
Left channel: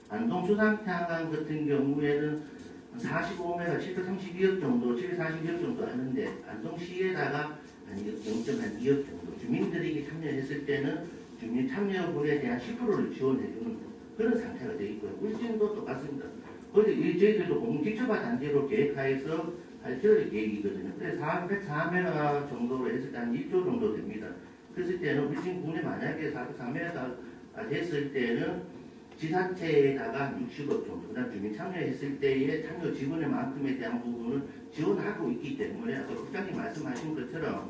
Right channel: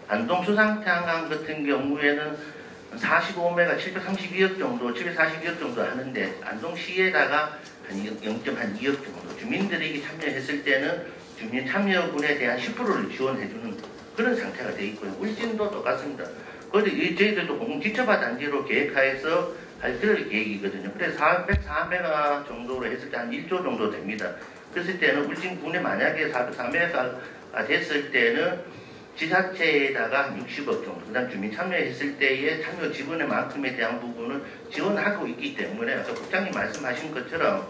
안동 수상태양광 같은 경우에는 45메가 732억 정도, 742억 정도 하는데 안동시에다가 한 0.2억 정도 주민들에게 참여했을 때는 주민 참여분에 대한 10%를 지원해주는 그런 상태가 되어 있고요. 울진도 똑같습니다. 그런데 저희들도 공직접화 단지로 계획하여서 할 그럴 계획이거든요. 그래서 404메가 정도로 했을 때 한 1조 정도 됩니다. 그랬을 때는 울진군에 만약에 404메가가 됐을 때는 지자체에다가 60억 정도, 그 다음 주민 참여했을 때의 참여 지분의 만큼에 대한 부분을 지원하고 있기 때문에 아까 국장님 말씀하신 것처럼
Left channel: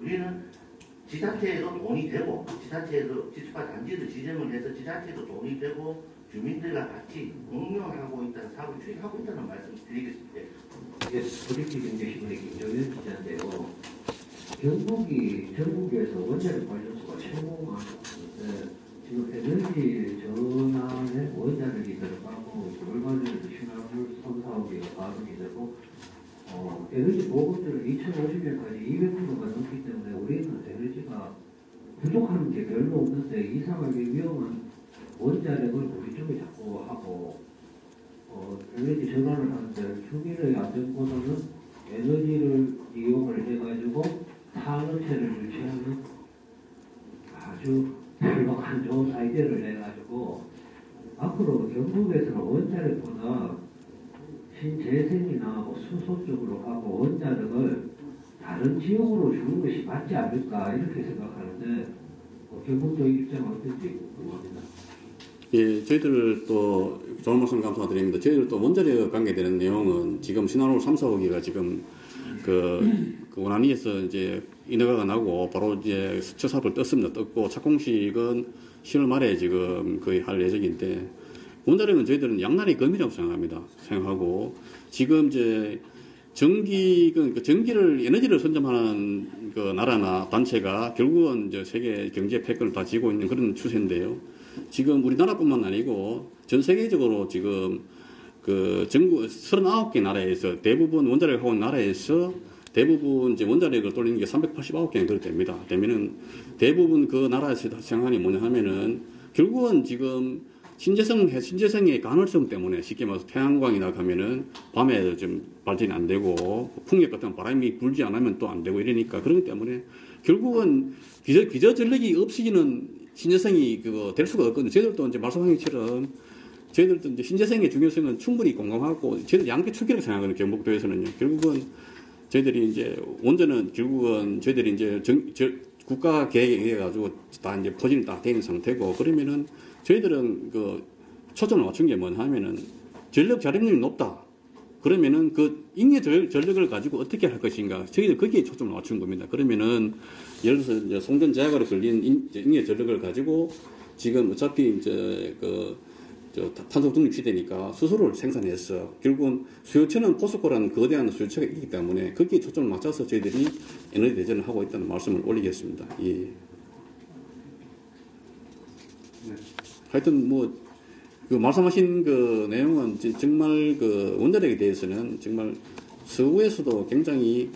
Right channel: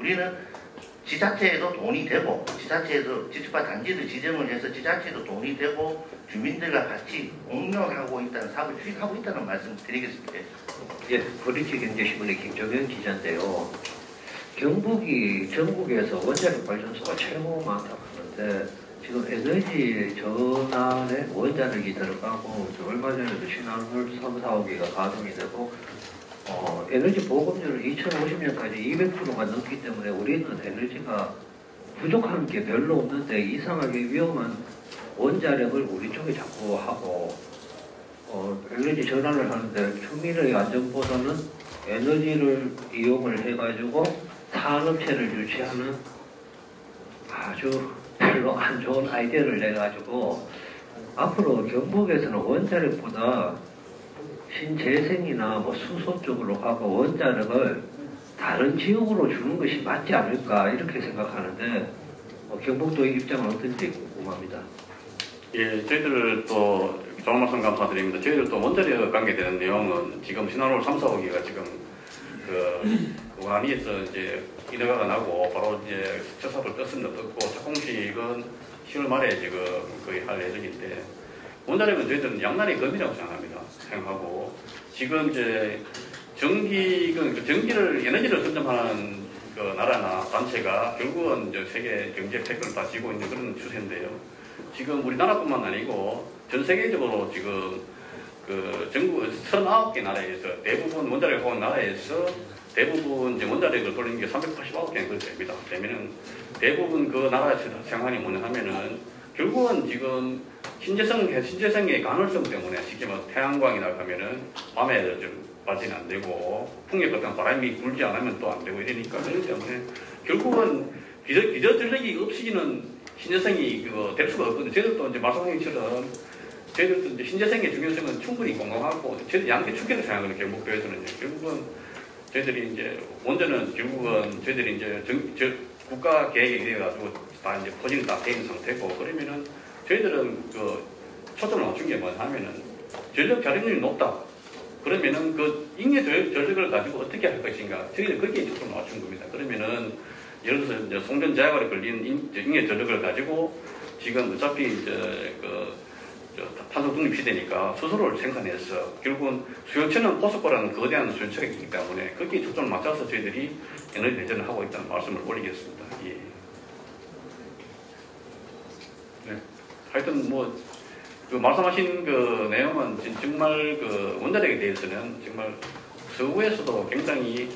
우리는 지자체에도 돈이 되고 지자체에도 지주파 단지를 지정을 해서 지자체에도 돈이 되고 주민들과 같이 공존하고 있다는 사업을 추진하고 있다는 말씀 드리겠습니다. 브릿지경제신문의 김정현 기자인데요. 경북이 전국에서 원자력 발전소가 최고 많다고 하는데 지금 에너지 전환에 원자력이 들어가고 얼마 전에도 신한울 3, 4호기가 가동이 되고 에너지 보급률을 2050년까지 200%가 넘기 때문에 우리는 에너지가 부족한 게 별로 없는데 이상하게 위험한 원자력을 우리 쪽에 자꾸 하고 에너지 전환을 하는데 국민의 안전보다는 에너지를 이용을 해가지고 산업체를 유치하는 아주 별로 안 좋은 아이디어를 내가지고 앞으로 경북에서는 원자력보다 신재생이나 뭐 수소 쪽으로 가고 원자력을 다른 지역으로 주는 것이 맞지 않을까 이렇게 생각하는데 경북도의 입장은 어떤지 궁금합니다. 예, 저희들 또 좋은 말씀 감사드립니다. 저희들 또 원자력 관계되는 내용은 지금 신한울 3, 4호기가 지금 그 원안위에서 이제 인허가가 나고 바로 이제 수처사업을 떴습니다. 떴고 착공식은 10월 말에 지금 거의 할 예정인데 원자력은 저희들은 양날의 검이라고 생각하고 지금 이제 전기를 에너지를 선점하는 그 나라나 단체가 결국은 이제 세계 경제 패권을 다 쥐고 있는 그런 추세인데요. 지금 우리나라뿐만 아니고 전 세계적으로 지금 그 전국 39개 나라에서 대부분 원자력을 하고 있는 나라에서 대부분 이제 원자력을 돌리는 게 389개 정도 됩니다. 되면은 대부분 그 나라에서 생각하는 게 뭐냐 하면은 결국은 지금 신재생의 가능성 때문에 쉽게 말해서 태양광이나 가면은 밤에 좀 발전이 안 되고 풍력 같은 바람이 불지 않으면 또 안 되고 이러니까 그렇기 때문에 결국은 기저 전력이 없이는 신재생이 그거 될 수가 없거든요. 저희들도 이제 말씀하신 것처럼 저희들도 이제 신재생의 중요성은 충분히 공감하고 저희들 양계 축이라고 생각하거든요. 경북도에서는요. 결국은 저희들이 이제 원전은 결국은 저희들이 이제 국가 계획에 의해 가지고 다 이제 포진이 다 돼 있는 상태고 그러면은 저희들은 그 초점을 맞춘 게 뭐냐 하면은 전력 자립률이 높다. 그러면은 그 잉여 전력을 가지고 어떻게 할 것인가. 저희들 거기에 초점을 맞춘 겁니다. 그러면은 예를 들어서 이제 송전 제약으로 걸린 잉여 전력을 가지고 지금 어차피 이제 탄소 중립 시대니까 수소를 생산해서 결국은 수요처는 포스코라는 거대한 수요처가 있기 때문에 거기에 초점을 맞춰서 저희들이 에너지 대전을 하고 있다는 말씀을 올리겠습니다. 예. 네. 하여튼 그 말씀하신 그 내용은 정말 그 원자력에 대해서는 정말 서구에서도 굉장히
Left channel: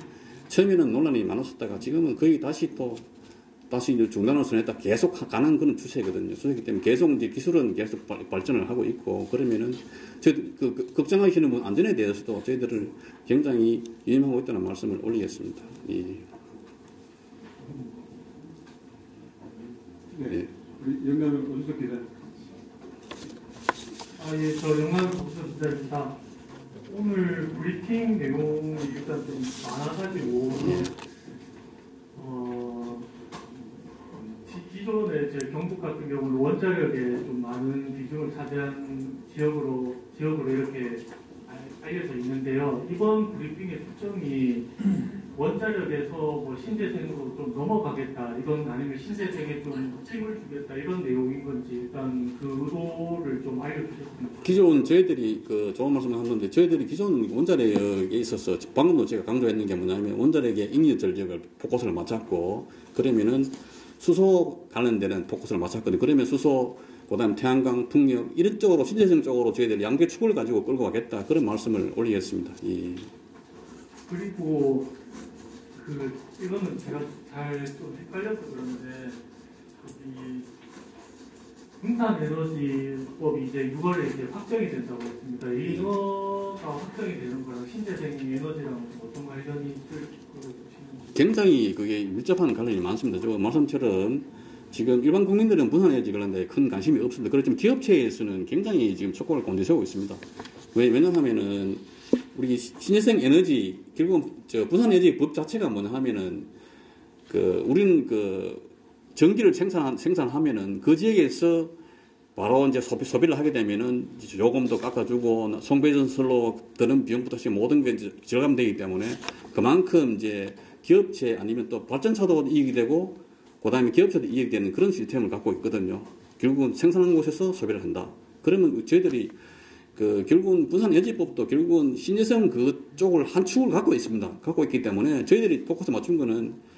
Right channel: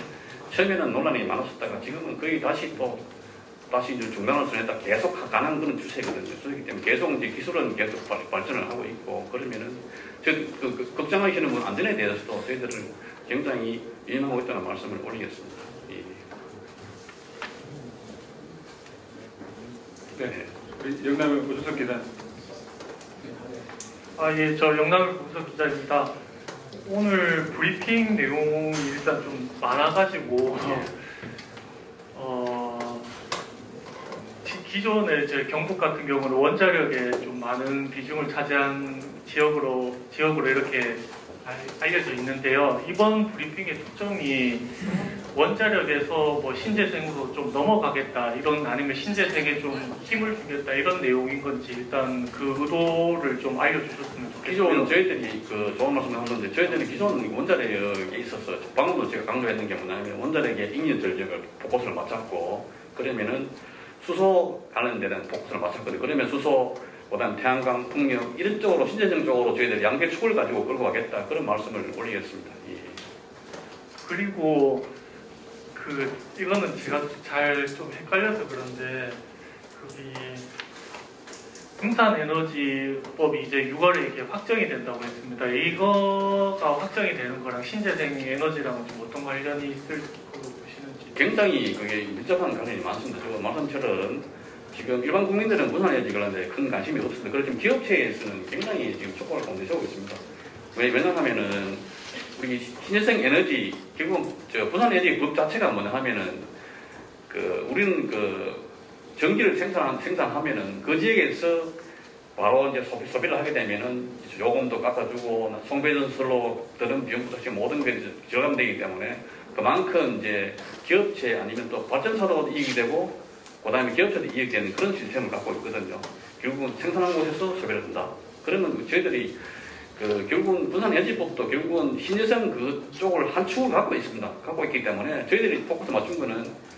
처음에는 논란이 많았었다가 지금은 거의 다시 이제 중단을 선했다 계속 가는 그런 추세거든요. 추세이기 때문에 계속 이제 기술은 계속 발전을 하고 있고 그러면은 걱정하시는 분 안전에 대해서도 저희들은 굉장히 유념하고 있다는 말씀을 올리겠습니다. 예. 네. 우리 영남의 고준석 기자. 예, 저 영남의 고준석 기자입니다. 오늘 브리핑 내용이 일단 좀 많아가지고 기존에 제 경북 같은 경우는 원자력에 좀 많은 비중을 차지한 지역으로 이렇게 알려져 있는데요. 이번 브리핑의 초점이 원자력에서 뭐 신재생으로 좀 넘어가겠다 이런 아니면 신재생에 좀 힘을 주겠다 이런 내용인 건지 일단 그 의도를 좀 알려주셨으면 좋겠습니다. 기존 저희들이 그 좋은 말씀을 한 건데 저희들이 기존 원자력에 있어서 방금도 제가 강조했는 게 뭐냐면 원자력의 잉여 전력을 포커스를 맞췄고 그러면은 수소 관련되는 포커스를 맞췄거든요. 그러면 수소 그다음 태양광, 풍력 이런 쪽으로 신재생 쪽으로 저희들이 양계 축을 가지고 끌고 가겠다 그런 말씀을 올리겠습니다. 예. 그리고 이거는 제가 잘 좀 헷갈려서 그런데 분산에너지법이 이제 6월에 이렇게 확정이 됐다고 했습니다. 이거가 확정이 되는 거랑 신재생 에너지랑 좀 어떤 관련이 있을 거로 보시는지. 굉장히 그게 밀접한 관련이 많습니다. 저 말씀처럼 지금 일반 국민들은 분산에너지 관련돼 큰 관심이 없습니다. 그렇지만 기업체에서는 굉장히 지금 촉구를 곤두세우고 있습니다. 왜냐하면은 우리 신재생 에너지 결국 분산에너지 법 자체가 뭐냐 하면은 우리는 전기를 생산하면은 그 지역에서 바로 이제 소비를 하게 되면은 요금도 깎아주고 송배전설로 드는 비용부터 지금 모든 게 이제 절감되기 때문에 그만큼 이제 기업체 아니면 또 발전사도 이익이 되고 그다음에 기업체도 이익이 되는 그런 시스템을 갖고 있거든요. 결국은 생산한 곳에서 소비를 한다. 그러면 저희들이 결국은 분산에너지법도 결국은 신재생 그쪽을 한 축을 갖고 있습니다. 갖고 있기 때문에 저희들이 포커스 맞춘 거는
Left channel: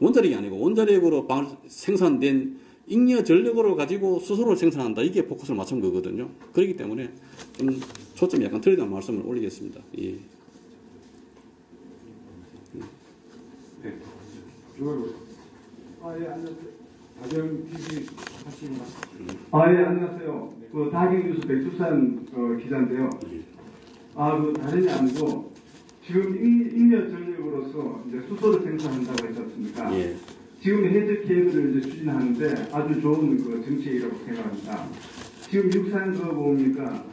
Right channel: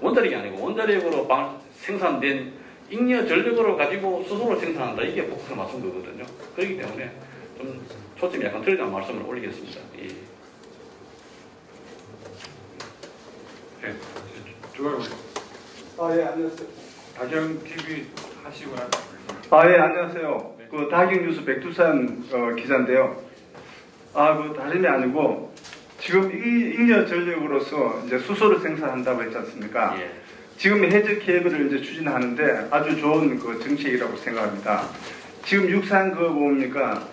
원자력이 아니고 원자력으로 생산된 잉여 전력으로 가지고 수소를 생산한다. 이게 포커스를 맞춘 거거든요. 그렇기 때문에 좀 초점이 약간 틀리다는 말씀을 올리겠습니다. 예. 네. 좋아요. 예, 안녕하세요. 다시랑 TV 하시거나. 예, 안녕하세요. 네. 다경뉴스 백두산 기자인데요. 다름이 아니고 지금 잉여 전력으로서 이제 수소를 생산한다고 했지 않습니까? 예. 지금 해적 계획을 이제 추진하는데 아주 좋은 정책이라고 생각합니다. 지금 육상 뭡니까?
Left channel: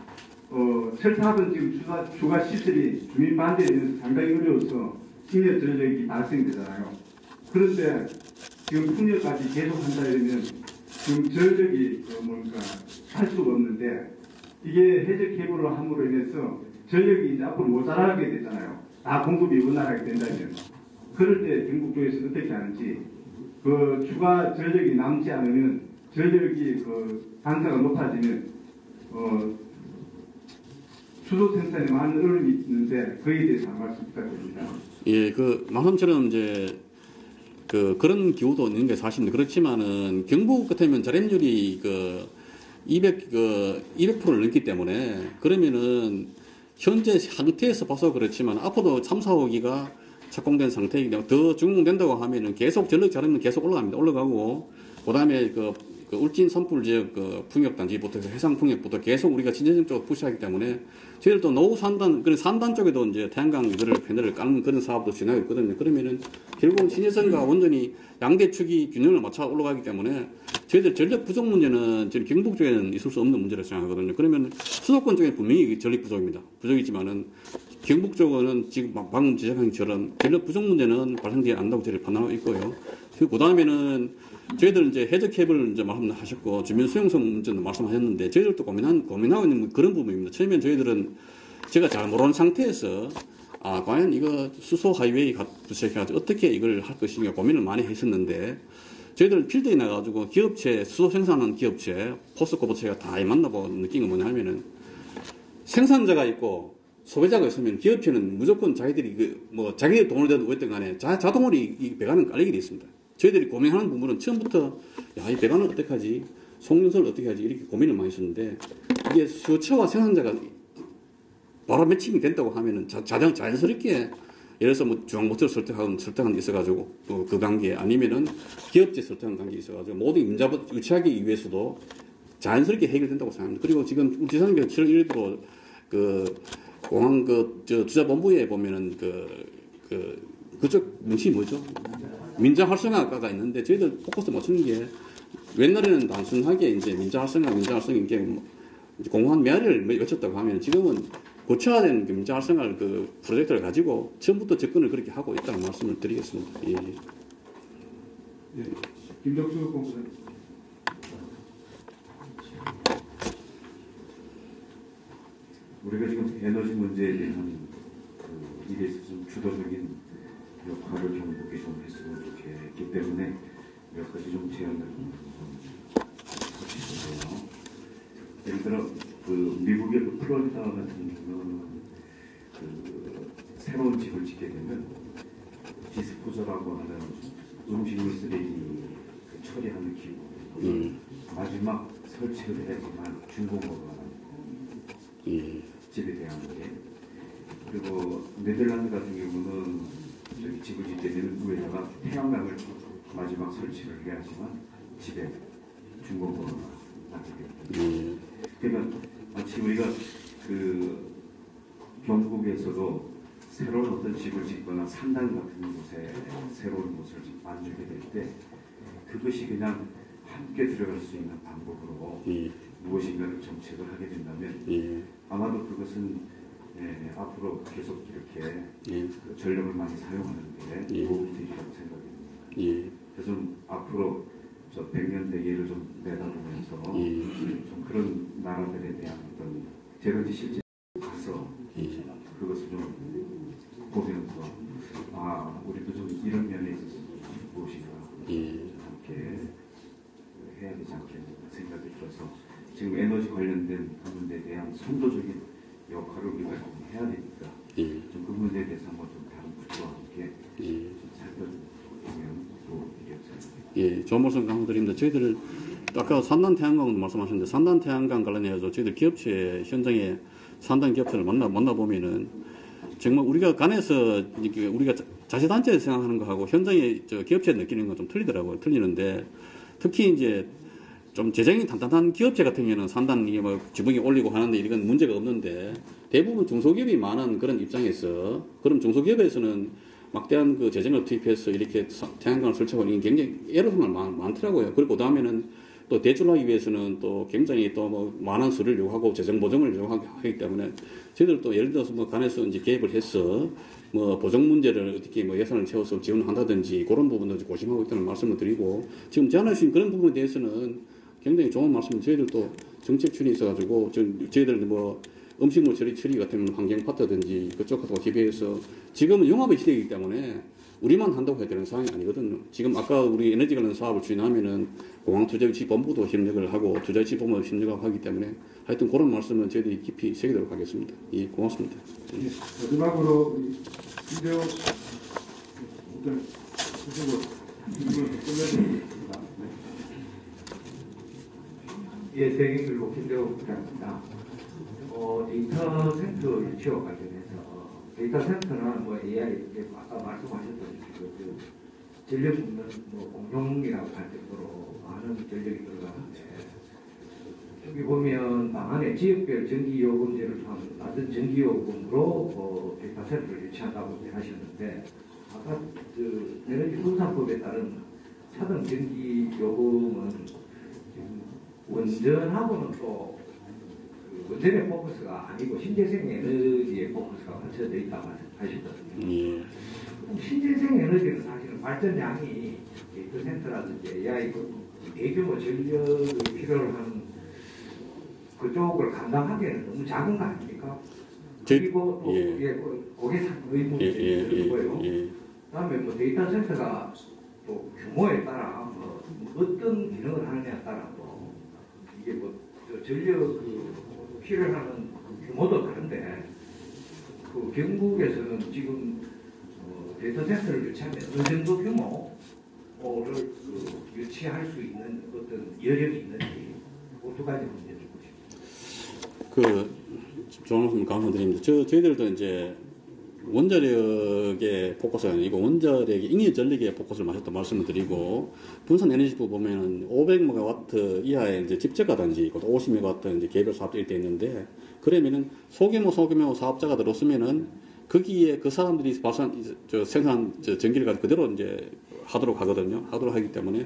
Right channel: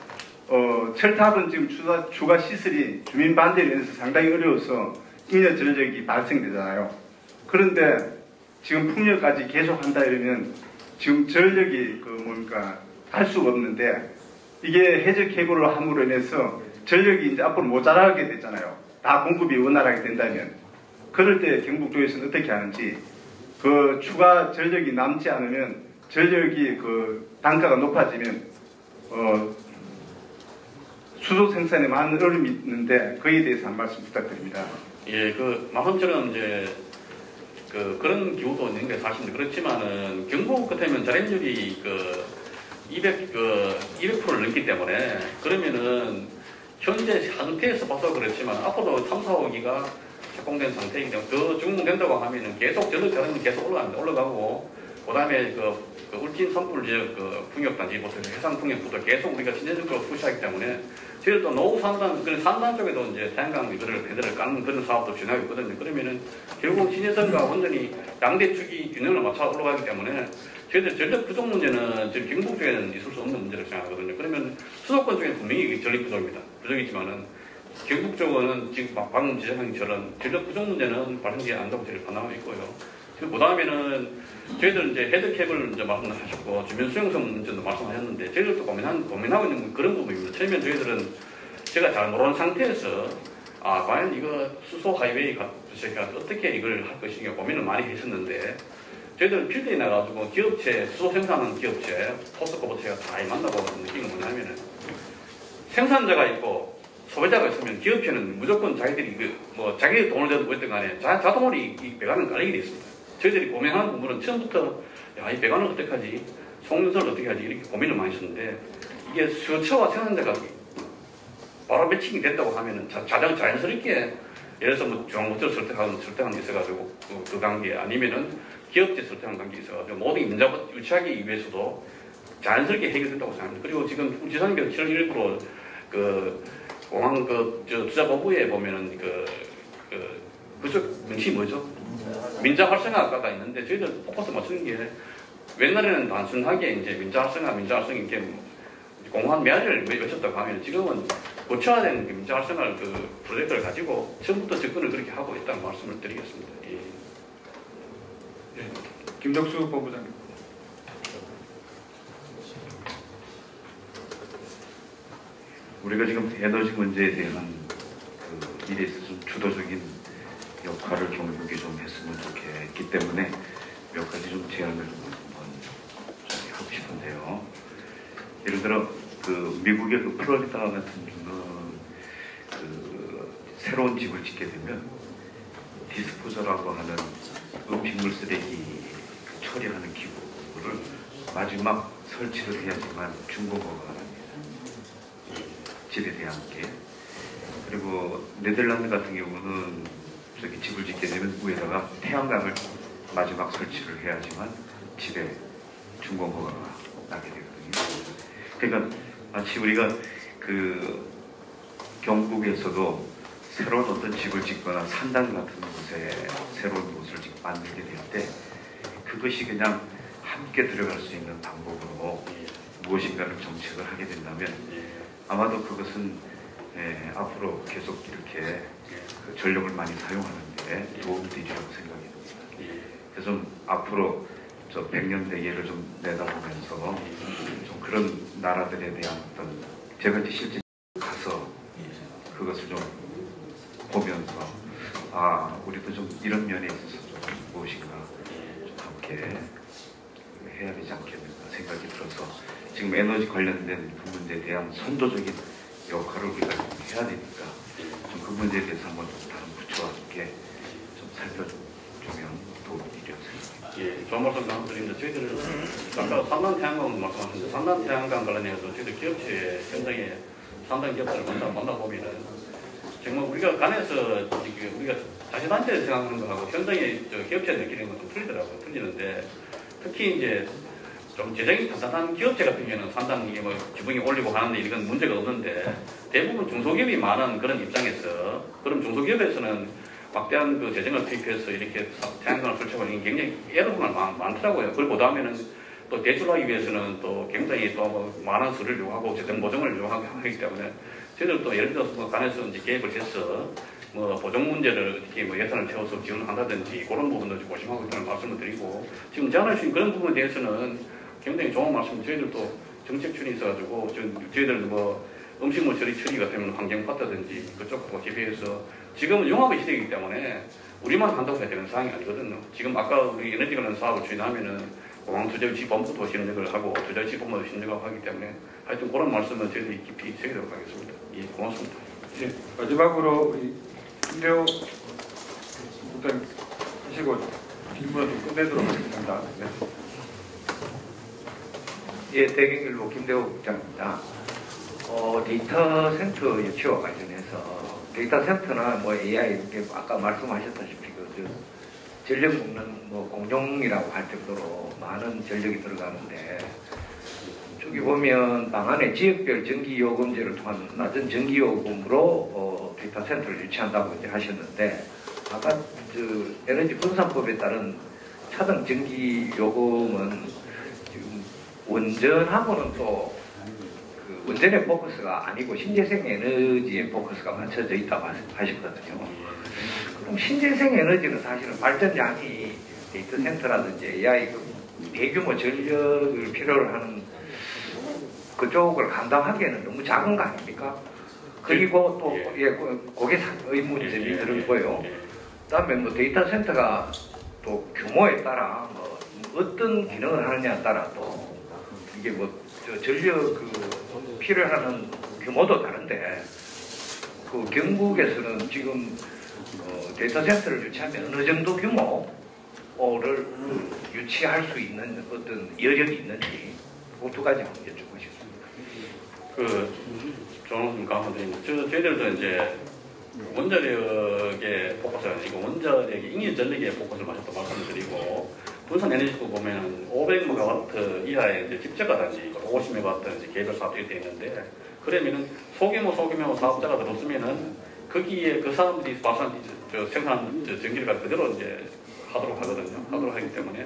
철탑은 지금 추가 시설이 주민 반대에 의해서 상당히 어려워서 잉여 전력이 발생되잖아요. 그런데 지금 풍력까지 계속한다 이러면 지금 전력이 할 수가 없는데 이게 해저 케이블을 함으로 인해서 전력이 이제 앞으로 모자라게 되잖아요. 다 공급이 원활하게 된다면 그럴 때 경북 쪽에서는 어떻게 하는지 그 추가 전력이 남지 않으면 전력이 그 단가가 높아지면 수소 생산에 많은 어려움이 있는데 그에 대해서 한 말씀 부탁드립니다. 예, 말씀처럼 이제 그런 기후도 있는 게 사실인데 그렇지만은 경북 같으면 자립률이 200%를 넘기 때문에 그러면은 현재 상태에서 봐서 그렇지만 앞으로 3, 4호기가 착공된 상태이기 때문에 더 준공된다고 하면은 계속 전력 자립률이 계속 올라가고 그다음에 울진 산불 지역 풍력 단지부터 해상 풍력부터 계속 우리가 진전적으로 푸시하기 때문에 저희들도 노후 3단 쪽에도 이제 태양광 패널을 까는 그런 사업도 진행하고 있거든요. 그러면은 결국은 신혜선과 원전이 양대 축이 균형을 맞춰 올라가기 때문에 저희들 전력 부족 문제는 저희 경북 쪽에는 있을 수 없는 문제라고 생각하거든요. 그러면 수도권 쪽에는 분명히 전력 부족입니다. 부족이지만은 경북 쪽은 지금 방금 지적한 것처럼 전력 부족 문제는 발생되지 않는다고 저희를 판단하고 있고요. 그 다음에는 저희들 이제 헤드 케이블 이제 말씀하셨고 주변 수용성 문제도 말씀하셨는데 저희들도 고민하고 있는 그런 부분입니다. 처음에 저희들은 제가 잘 모르는 상태에서 과연 이거 수소 하이웨이 구축해가지고 어떻게 이걸 할 것인가 고민을 많이 했었는데 저희들 필드에 나가지고 기업체 수소 생산하는 기업체 포스코 부처가 다 만나고 느낀 건 뭐냐면은 생산자가 있고 소비자가 있으면 기업체는 무조건 자기들이 자기들 돈을 대도 어쨌든 간에 자동으로 이 배관을 깔리게 돼 있습니다. 저희들이 고민하는 부분은 처음부터 이 배관을 어떻게 하지? 송전소를 어떻게 하지? 이렇게 고민을 많이 했었는데 이게 수요처와 생산자가 바로 매칭이 된다고 하면은 자연스럽게 예를 들어서 중앙모터를 설득하는 게 있어가지고 그 관계 아니면은 기업체 설득하는 관계 있어가지고 모든 임자부 유치하기 위해서도 자연스럽게 해결된다고 생각합니다. 그리고 지금 지상에서 7월 1일부로 공항 투자본부에 보면은 그쪽 명칭이 뭐죠? 민자 활성화가 있는데 저희들 포커스 맞추는 게 옛날에는 단순하게 이제 민자 활성화 이게 공무원 메아리를 외쳤다고 하면 지금은 고쳐화된 민자 활성화 프로젝트를 가지고 처음부터 접근을 그렇게 하고 있다는 말씀을 드리겠습니다. 예. 예. 김덕수 본부장님. 우리가 지금 에너지 문제에 대한 일에 있어서 좀 주도적인 역할을 경북이 좀 했으면 좋겠기 때문에 몇 가지 좀 제안을 한번 하고 싶은데요. 예를 들어 미국의 플로리다 같은 경우는 새로운 집을 짓게 되면 디스포저라고 하는 음식물 쓰레기 처리하는 기구를 마지막 설치를 해야지만 중공업을 합니다. 집에 대한 게. 그리고 네덜란드 같은 경우는 저기 집을 짓게 되면 위에다가 태양광을 마지막 설치를 해야지만 집에 중공업가 나게 되거든요. 그러니까 마치 우리가 경북에서도 새로운 어떤 집을 짓거나 산단 같은 곳에 새로운 곳을 만들게 될 때 그것이 그냥 함께 들어갈 수 있는 방법으로 무엇인가를 정책을 하게 된다면 아마도 그것은 앞으로 계속 이렇게 전력을 많이 사용하는데 도움이 되리라고 생각이 듭니다. 그래서 앞으로 저 100년 내기를 좀 내다보면서 좀 그런 나라들에 대한 어떤 제가 이제 실제 가서 그것을 좀 보면서 우리도 좀 이런 면에 있어서 좀 무엇인가 좀 함께 해야 되지 않겠는가 생각이 들어서 지금 에너지 관련된 그 문제에 대한 선도적인 역할을 우리가 좀 해야 되니까 좀 그 문제에 대해서 한번 좀 다른 부처와 함께 좀 살펴주면 도움이 되리라고 생각합니다. 예, 좋은 말씀 감사드립니다. 저희들 아까 3단 태양광 말씀하셨는데 3단 태양광 관련해서 저희들 기업체 현장에 3단 기업체를 만나보면은 정말 우리가 간에서 우리가 자치단체에서 생각하는 거하고 현장에 기업체에 느끼는 건 좀 틀리더라고요. 틀리는데 특히 이제 좀 재정이 단단한 기업체 같은 경우는 3단 지붕이 올리고 하는데 이건 문제가 없는데 대부분 중소기업이 많은 그런 입장에서 그럼 중소기업에서는 막대한 재정을 투입해서 이렇게 태양광을 설치하고 이게 굉장히 애로사항이 많더라고요. 그리고 그다음에는 또 대출하기 위해서는 또 굉장히 또 뭐 많은 수를 요구하고 재정 보증을 요구하기 때문에 저희들 또 예를 들어서 뭐 간에서 이제 계획을 해서 뭐 보정 문제를 어떻게 뭐 예산을 채워서 지원한다든지 그런 부분도 고심하고 있다는 말씀을 드리고 지금 제안하신 그런 부분에 대해서는 굉장히 좋은 말씀. 저희들도 정책출이 있어가지고 저희들 뭐 음식물 처리 같은 환경파트든지 그쪽하고 기회해서 지금은 융합의 시대이기 때문에 우리만 한다고 해야 되는 상황이 아니거든요. 지금 아까 우리 에너지 관련 사업을 추진하면은 공항투자유치본부도 협력을 하고 투자유치본부도 협력을 하기 때문에 하여튼 그런 말씀을 저희들이 깊이 새기도록 하겠습니다. 예, 고맙습니다. 예, 마지막으로 우리 일요 일단 하시고 질문을 좀 끝내도록 하겠습니다. 네. 예, 대경일보 김대호 국장입니다. 데이터 센터 유치와 관련해서 데이터 센터는 뭐 AI 아까 말씀하셨다시피 전력 먹는 뭐 공룡이라고 할 정도로 많은 전력이 들어가는데 저기 보면 방안에 지역별 전기요금제를 통한 낮은 전기요금으로 데이터 센터를 유치한다고 이제 하셨는데 아까 에너지 분산법에 따른 차등 전기요금은 지금 원전하고는 또 그 원전의 포커스가 아니고 신재생 에너지의 포커스가 맞춰져 있다고 하셨거든요. 그럼 신재생 에너지는 사실은 발전량이 데이터 센터라든지 AI 대규모 전력을 필요로 하는 그쪽을 감당하기에는 너무 작은 거 아닙니까? 그리고 또 그게 의문점이 드는 거예요. 그다음에 뭐 데이터 센터가 또 규모에 따라 뭐 어떤 기능을 하느냐에 따라 또 이게 뭐 전력 필요하는 규모도 다른데 그 경북에서는 지금 데이터 센터를 유치하면 어느 정도 규모를 유치할 수 있는 어떤 여력이 있는지 그 두 가지만 여쭙고 싶습니다. 좋은 말씀 감사드립니다. 저희들도 이제 원자력의 포커스가 아니고 원자력의 잉여 전력의 포커스를 또 말씀드리고 분산 에너지도 보면 500메가와트 이하의 이제 집적가 단지 50메가와트 이제 개별 사업들이 되어 있는데 그러면은 소규모 사업자가 들어서면은 거기에 그 사람들이 생산 전기를 가지고 그대로 이제 하도록 하거든요. 하도록 하기 때문에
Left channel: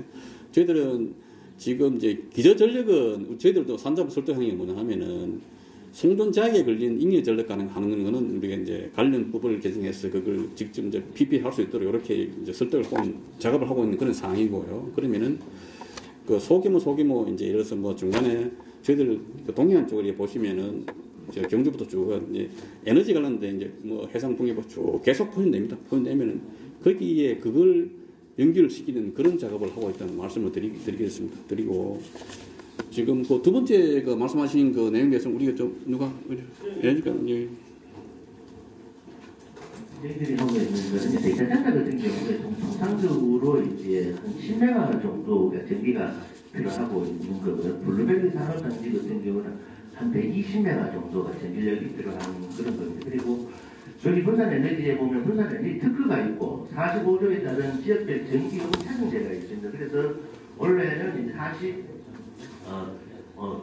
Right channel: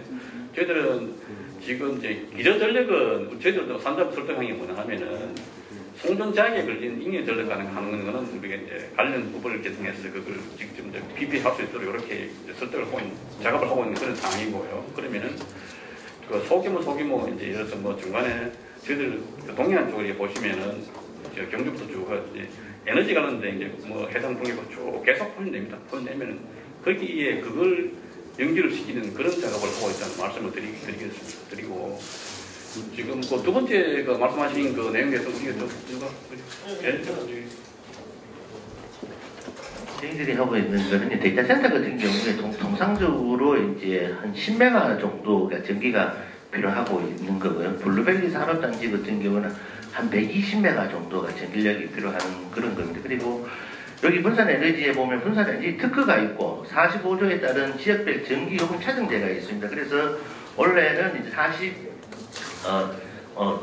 저희들은 지금 이제 기저 전력은 저희들도 산자부 설득하는 게 뭐냐 하면은 송전 제약에 걸린 잉여 전력 가능한 거는 우리가 이제 관련 법을 개정해서 그걸 직접 이제 PP할 수 있도록 이렇게 이제 설득을 하고 작업을 하고 있는 그런 상황이고요. 그러면은 그 소규모 이제 예를 들어서 뭐 중간에 저희들 그 동해안 쪽을 보시면은 이제 경주부터 쭉 이제 에너지 관련된 이제 뭐 해상 풍력도 쭉 계속 포인됩니다. 포인되면은 거기에 그걸 연결을 시키는 그런 작업을 하고 있다는 말씀을 드리겠습니다. 드리고 지금 그 두 번째 그 말씀하신 그 내용에 대해서 우리가 저희들이 하고 있는 거는 데이터 센터 같은 경우에 통상적으로 이제 한 10메가 정도가 전기가 필요하고 있는 거고요. 블루벨리 산업단지 같은 경우는 한 120메가 정도가 전기력이 필요한 그런 겁니다. 그리고 여기 분산에너지에 보면 분산에너지 특허가 있고 45조에 따른 지역별 전기요금 차등제가 있습니다. 그래서 원래는 이제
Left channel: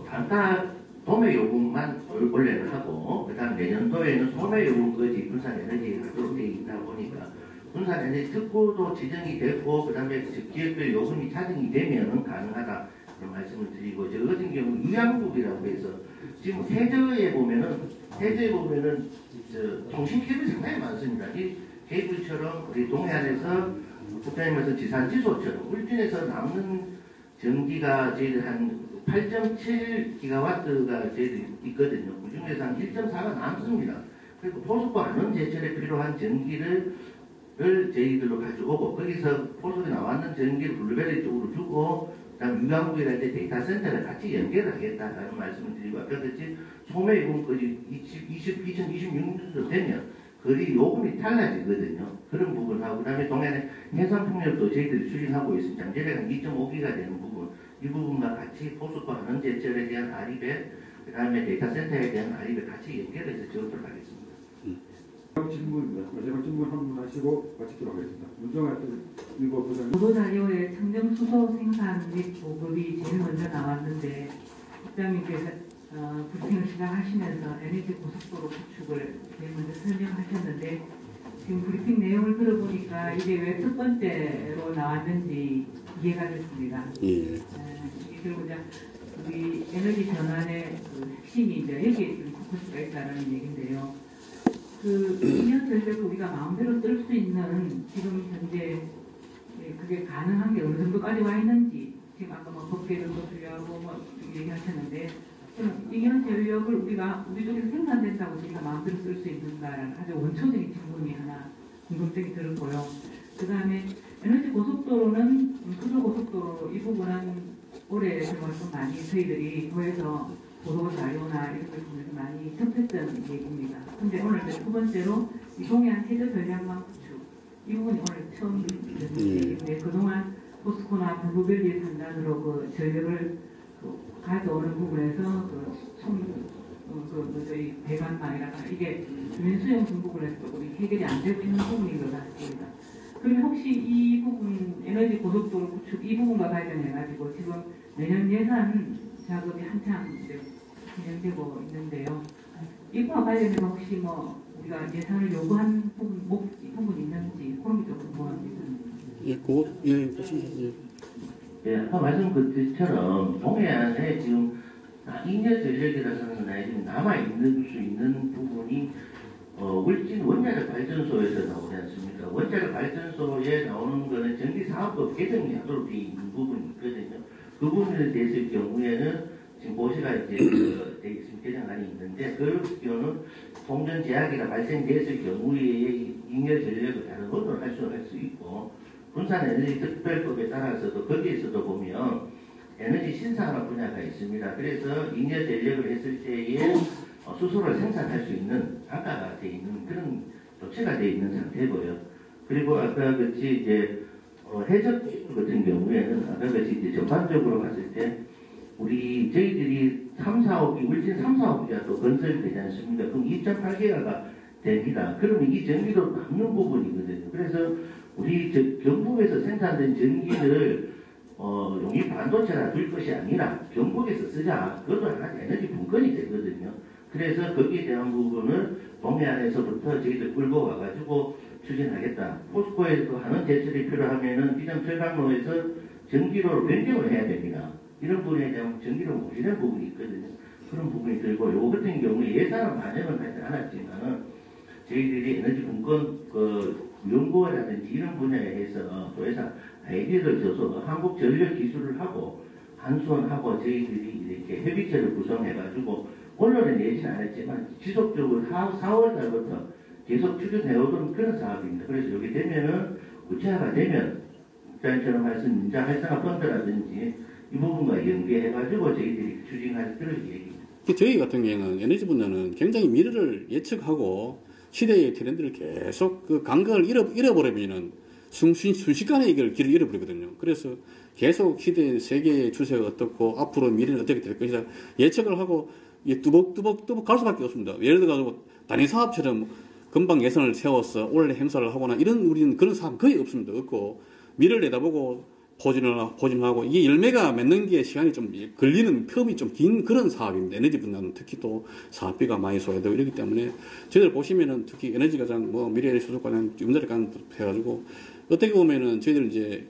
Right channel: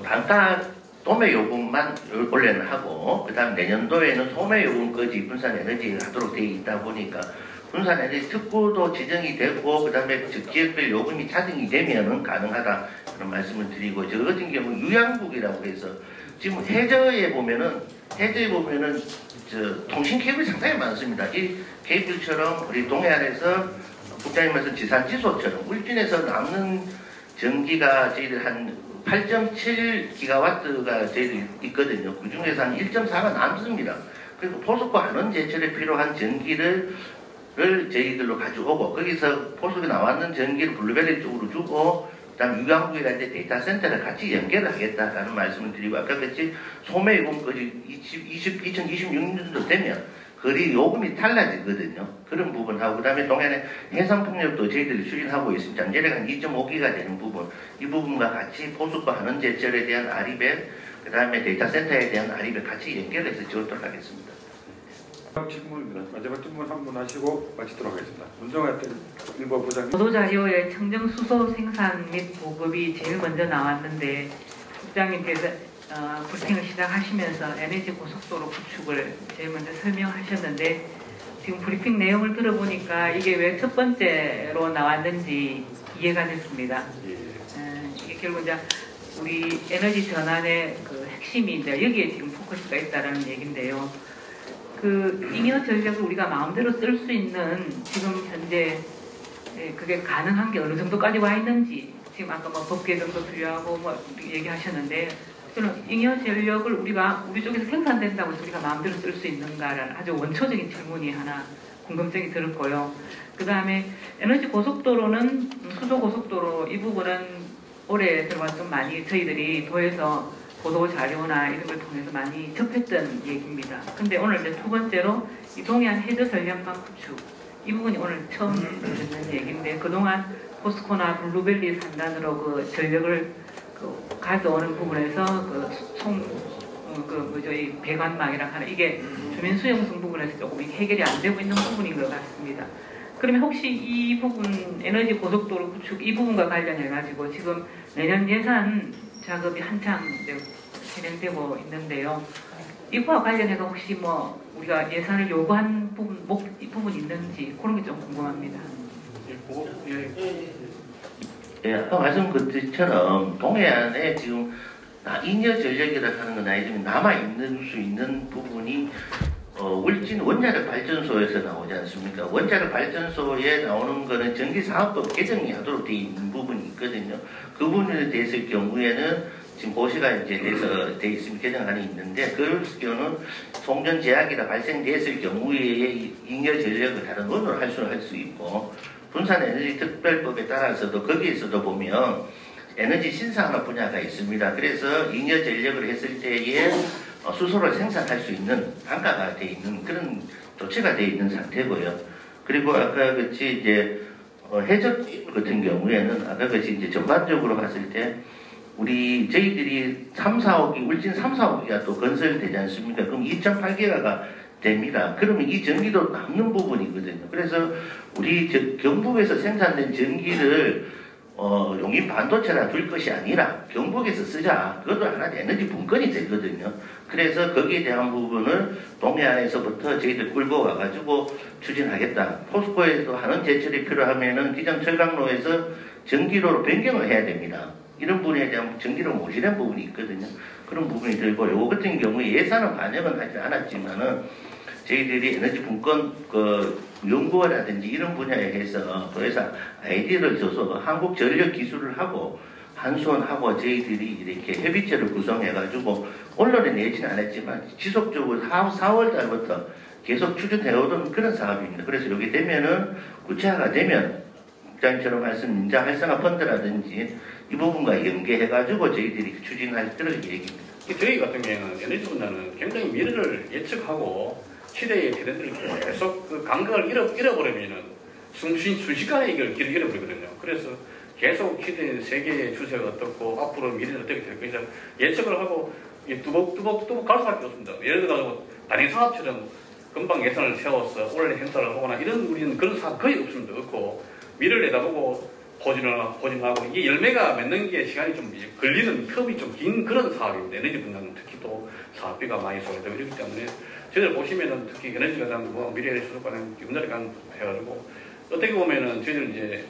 단가 도매요금만 원래는 하고 그 다음 내년도에는 소매요금까지 분산에너지를 하도록 되어 있다 보니까 분산에너지 특구도 지정이 되고 그 다음에 지역별 요금이 차등이 되면은 가능하다 그런 말씀을 드리고 저 같은 경우는 유양국이라고 해서 지금 해저에 보면은 통신 케이블이 상당히 많습니다. 이 케이블처럼 우리 동해안에서 국장님께서 지산지소처럼 울진에서 남는 전기가 저희들 한 8.7기가와트가 저희들 있거든요. 그 중에서 한 1.4가 남습니다. 그리고 포스코 한원 제철에 필요한 전기를 저희들로 가져오고 거기서 포스코 나왔는 전기를 블루벨리 쪽으로 주고 그다음 유강국이라는 데이터 센터를 같이 연결을 하겠다라는 말씀을 드리고 아까 같이 소매요금까지 2026년도 되면 거리 요금이 달라지거든요. 그런 부분하고 그 다음에 동해안에 해상풍력도 저희들이 추진하고 있습니다. 장제력 한 2.5기가 되는 부분 이 부분과 같이 포스코 한원제철에 대한 아리백 그 다음에 데이터 센터에 대한 아리백 같이 연결해서 지원하도록 하겠습니다. 마지막 질문 한 분 하시고 마치도록 하겠습니다. 문정아 일부 부장님. 보도자료에 청정수소 생산 및 보급이 제일 먼저 나왔는데 국장님께서 브리핑을 시작하시면서 에너지 고속도로 구축을 제일 먼저 설명하셨는데 지금 브리핑 내용을 들어보니까 이게 왜 첫 번째로 나왔는지 이해가 됐습니다. 이게 결국 이제 우리 에너지 전환의 그 핵심이 이제 여기에 지금 포커스가 있다라는 얘기인데요. 그 잉여 전력을 우리가 마음대로 쓸 수 있는 지금 현재 그게 가능한 게 어느 정도까지 와 있는지 지금 아까 뭐 법 개정도 필요하고 뭐 얘기하셨는데 저는 잉여 전력을 우리 쪽에서 생산된다고 해서 우리가 마음대로 쓸 수 있는가라는 아주 원초적인 질문이 하나 궁금증이 들었고요. 그 다음에 에너지 고속도로는 수도 고속도로 이 부분은 올해 들어와 좀 많이 저희들이 도에서 보도 자료나 이런 걸 통해서 많이 접했던 얘기입니다. 근데 오늘 이제 두 번째로 이 동해안 해저 전력망 구축 이 부분이 오늘 처음 듣는 얘기인데 그동안 포스코나 블루벨리 산단으로 그 전력을 가져오는 부분에서 이 배관망이라 하는 이게 주민 수용성 부분에서 조금 해결이 안 되고 있는 부분인 것 같습니다. 그러면 혹시 이 부분 에너지 고속도로 구축 이 부분과 관련해 가지고 지금 내년 예산 작업이 한창 이제 진행되고 있는데요. 이거와 관련해서 혹시 뭐 우리가 예산을 요구한 부분 있는지 그런 게 좀 궁금합니다. 예, 아까 말씀 것처럼 동해안에 지금 잉여 전력이라고 하는 건 아니지만 남아있는 수 있는 부분이 울진 원자력 발전소에서 나오지 않습니까? 원자력 발전소에 나오는 거는 전기사업법 개정이 하도록 되어 있는 부분이 있거든요. 그 부분에 대해서의 경우에는 지금 고시가 이제 돼 있으면 개정안이 있는데 그 경우는 송전 제약이나 발생됐을 경우에 잉여 전력을 다른 원으로 할 수 있고 분산에너지 특별법에 따라서도 거기에서도 보면 에너지 신산업 분야가 있습니다. 그래서 잉여 전력을 했을 때에 수소를 생산할 수 있는 단가가 돼 있는 그런 조치가 돼 있는 상태고요. 그리고 아까 같이 이제 해적 같은 경우에는 아까 같이 이제 전반적으로 봤을 때 저희들이 3, 4억이 울진 3, 4억이가 또 건설되지 않습니까? 그럼 2.8기가가 됩니다. 그러면 이 전기도 남는 부분이거든요. 그래서 우리 경북에서 생산된 전기를 용인 반도체나 둘 것이 아니라 경북에서 쓰자. 그것도 하나의 에너지 분권이 되거든요. 그래서 거기에 대한 부분을 동해안에서부터 저희들 끌고 와가지고 추진하겠다. 포스코에도 하는 제철이 필요하면은 기장 철강로에서 전기로로 변경을 해야 됩니다. 이런 부분에 대한 전기를 모시는 부분이 있거든요. 그런 부분이 들고 요거 같은 경우에 예산은 반영은 하지 않았지만은 저희들이 에너지 분권 연구라든지 이런 분야에 해서 도에서 아이디어를 줘서 한국 전력 기술을 하고 한수원하고 저희들이 이렇게 협의체를 구성해가지고 언론에 내지는 않았지만 지속적으로 4월 달부터 계속 추진해오던 그런 사업입니다. 그래서 여기 되면은 구체화가 되면 국장님처럼 말씀 민자 활성화 펀드라든지 이 부분과 연계해가지고 저희들이 추진할 그런 얘기입니다. 저희 같은 경우는 에너지 분야는 굉장히 미래를 예측하고 시대의 트렌드를 계속 그 감각을 잃어버리면은 순식간에 이걸 길을 잃어버리거든요. 그래서 계속 시대의 세계의 추세가 어떻고 앞으로 미래는 어떻게 될 것이다 예측을 하고 뚜벅뚜벅 갈 수밖에 없습니다. 예를 들어 단위 사업처럼 금방 예산을 세워서 올해 행사를 하거나 이런 우리는 그런 사업 거의 없습니다. 없고 미래를 내다보고 포진하고 이게 열매가 맺는 게 시간이 좀 걸리는 텀이 좀 긴 그런 사업입니다. 에너지 분야는 특히 또 사업비가 많이 소요되고 이렇기 때문에 저희들 보시면은 특히 에너지 가장 미래의 수도 가장 염달에 간 해가지고 어떻게 보면은 저희들 이제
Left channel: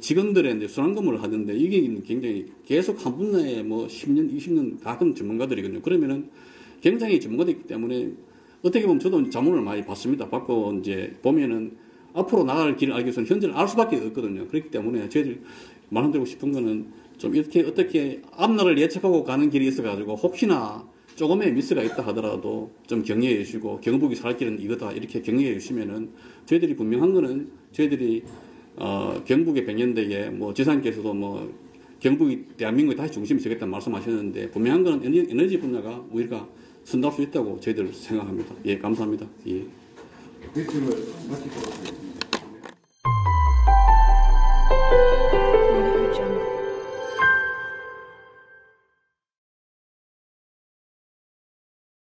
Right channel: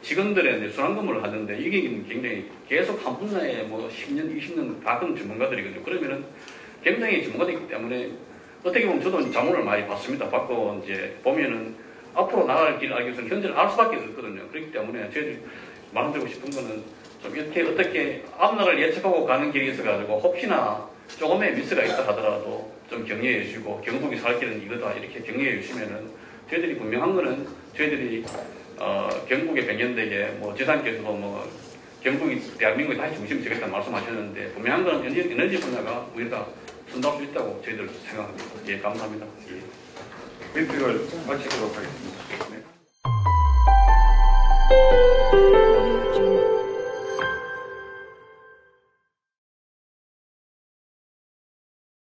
직원들의 이제 순환근무를 하는데 이게 굉장히 계속 한 분야에 10년, 20년 가끔 전문가들이거든요. 그러면은 굉장히 전문가들이기 때문에 어떻게 보면 저도 자문을 많이 받습니다. 받고 이제 보면은 앞으로 나갈 길을 알기 위해서는 현재를 알 수밖에 없거든요. 그렇기 때문에 저희들이 말씀드리고 싶은 거는 좀 이렇게 어떻게 앞날을 예측하고 가는 길이 있어가지고 혹시나 조금의 미스가 있다 하더라도 좀 격려해 주시고 경북이 살 길은 이거다 이렇게 격려해 주시면은 저희들이 분명한 거는 저희들이 경북의 백년대계 지사님께서도 경북이 대한민국이 다시 중심이 되겠다는 말씀하셨는데 분명한 건 에너지 분야가 우리가 선도할 수 있다고 저희들 생각합니다. 예, 감사합니다. 예. 브리핑을 마치도록 하겠습니다.